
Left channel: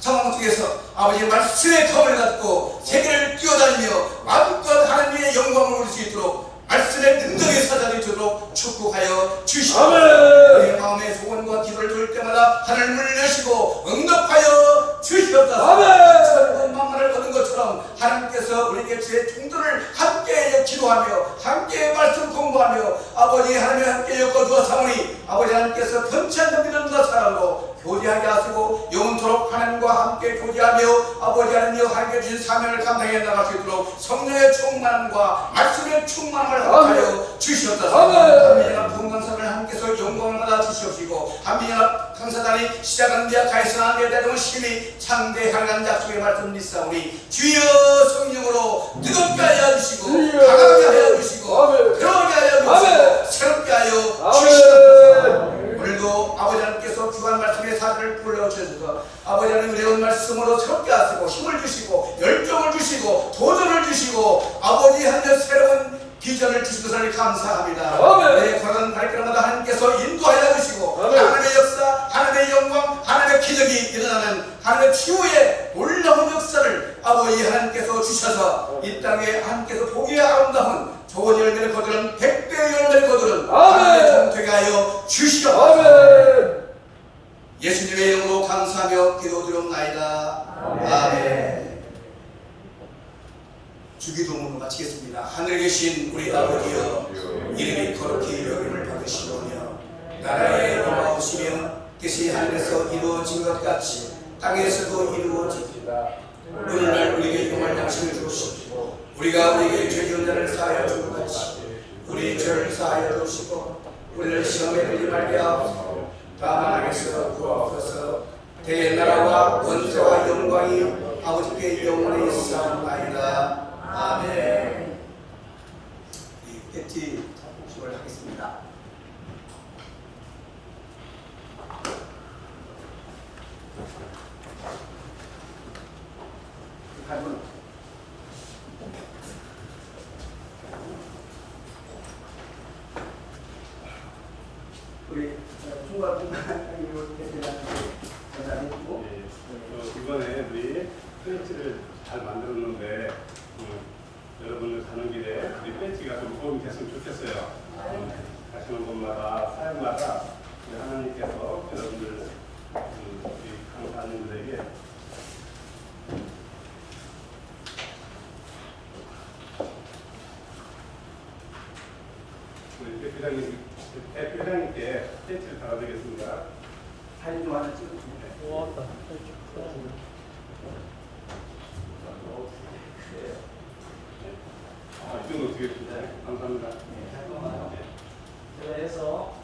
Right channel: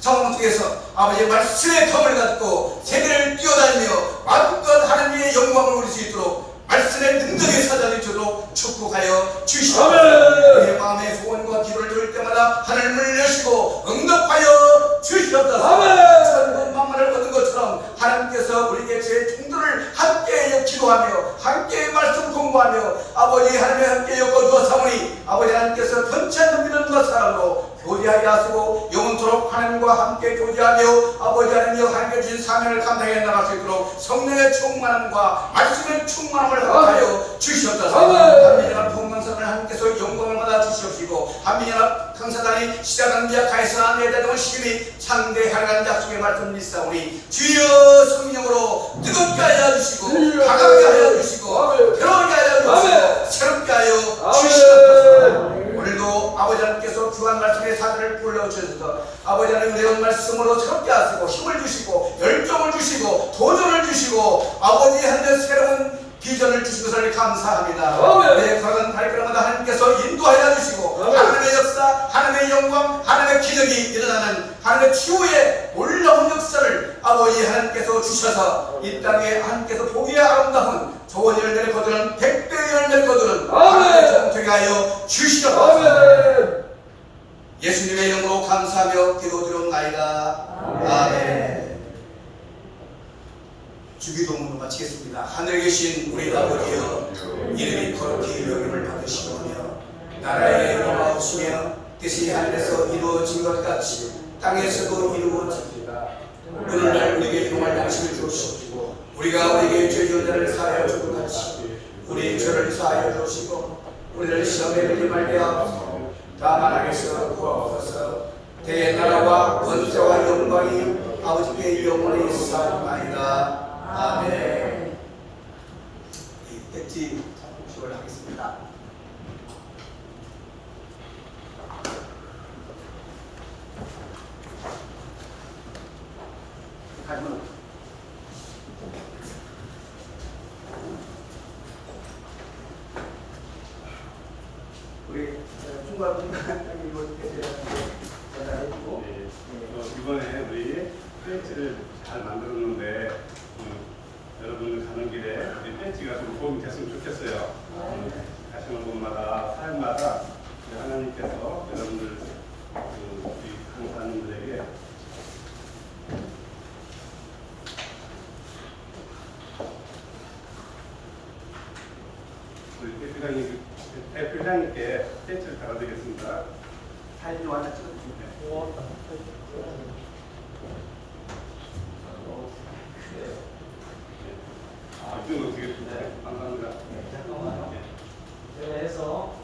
상황 속에서 아버지의 말씀의 검을 갖고 세계를 뛰어다니며 마음껏 하나님의 영광을 올릴 수 있도록 말씀의 능력의 사자들이 되도록 축복하여 주시옵소서. 우리의 마음의 소원과 기도를 드릴 때마다 하늘을 여시고 응답하여 주시옵소서. 천군 만마를 얻은 것처럼 하나님께서 우리에게 제 종들을 함께 기도하며 함께 말씀 공부하며 아버지 하나님의 함께 엮어주어 사오니 아버지 하나님께서 변치 않는 믿음과 사랑으로 교제하게 하시고 영원토록 하나님과 함께 교제하며 아버지 하나님여 하나님께 주신 사명을 감당해 나갈 수 있도록 성령의 충만함과 말씀의 충만함을 허락하여 주시옵소서. 한민연합 건강사를 하나님께서 영광을 받아 주시옵시고 한민연합 강사단이 시작한 미약하에서나 내대동을 심히 창대하는 약속의 말씀 믿사오니 주여 성령으로 뜨겁게 하여 주시고 강하게 하여 주시고 들어오게 하여 주시고 새롭게 하여 주시옵소서. 오늘도 아버지 하나님께서 주한 말씀의 사들을 불러주셔서 아버지 하나님 은혜로운 말씀으로 새롭게 하시고 힘을 주시고 열정을 주시고 도전을 주시고 아버지 하나님의 새로운 비전을 주신 것을 감사합니다. 내 걸어간 발걸음마다 하나님께서 인도하여 주시고 하나님의 역사, 하나님의 영광, 하나님의 기적이 일어나는 하나님의 치유의 놀라운 역사를 아버지 하나님께서 주셔서 이 땅에 하나님께서 보기에 아름다운 좋은 열매를 거두는 100배의 열매를 거두는 하나님의 종되게 하여 주시옵소서. 예수님의 이름으로 감사하며 기도드리옵나이다. 아멘. 주기도문으로 마치겠습니다. 하늘에 계신 우리 아버지여 이름이 거룩히 여김을 받으시오며 나라에 임하옵시며 뜻이 하늘에서 이루어진 것 같이 땅에서도 이루어지리이다. 오늘날 우리에게 용할 양식을 주옵시고 우리가 우리에게 죄 지은 자를 사하여 준 것 같이 우리 죄를 사하여 주시고 우리를 시험에 들지 말게 하옵소서. 다만 안에서 구하옵소서. 대의 나라와 권세와 영광이 아버지께 영원히 있사옵나이다. 아멘. 이 배지 복식을 하겠습니다. 우리 총괄분단장님을 대표하는데 제가 했고 이번에 우리 배지를 잘 만들었는데 여러분 가는 길에 우리 배지가 좀 도움이 됐으면 좋겠어요. 가시는 곳마다 사역마다 하나님께서 여러분들 우리 강사님들에게 우리 대표장님께 배지를 달아드리겠습니다. 사진 좀 하나 찍어주세요. 이건 어떻게 해주세요? 감사합니다. 네, 잠깐만요. 제가 해서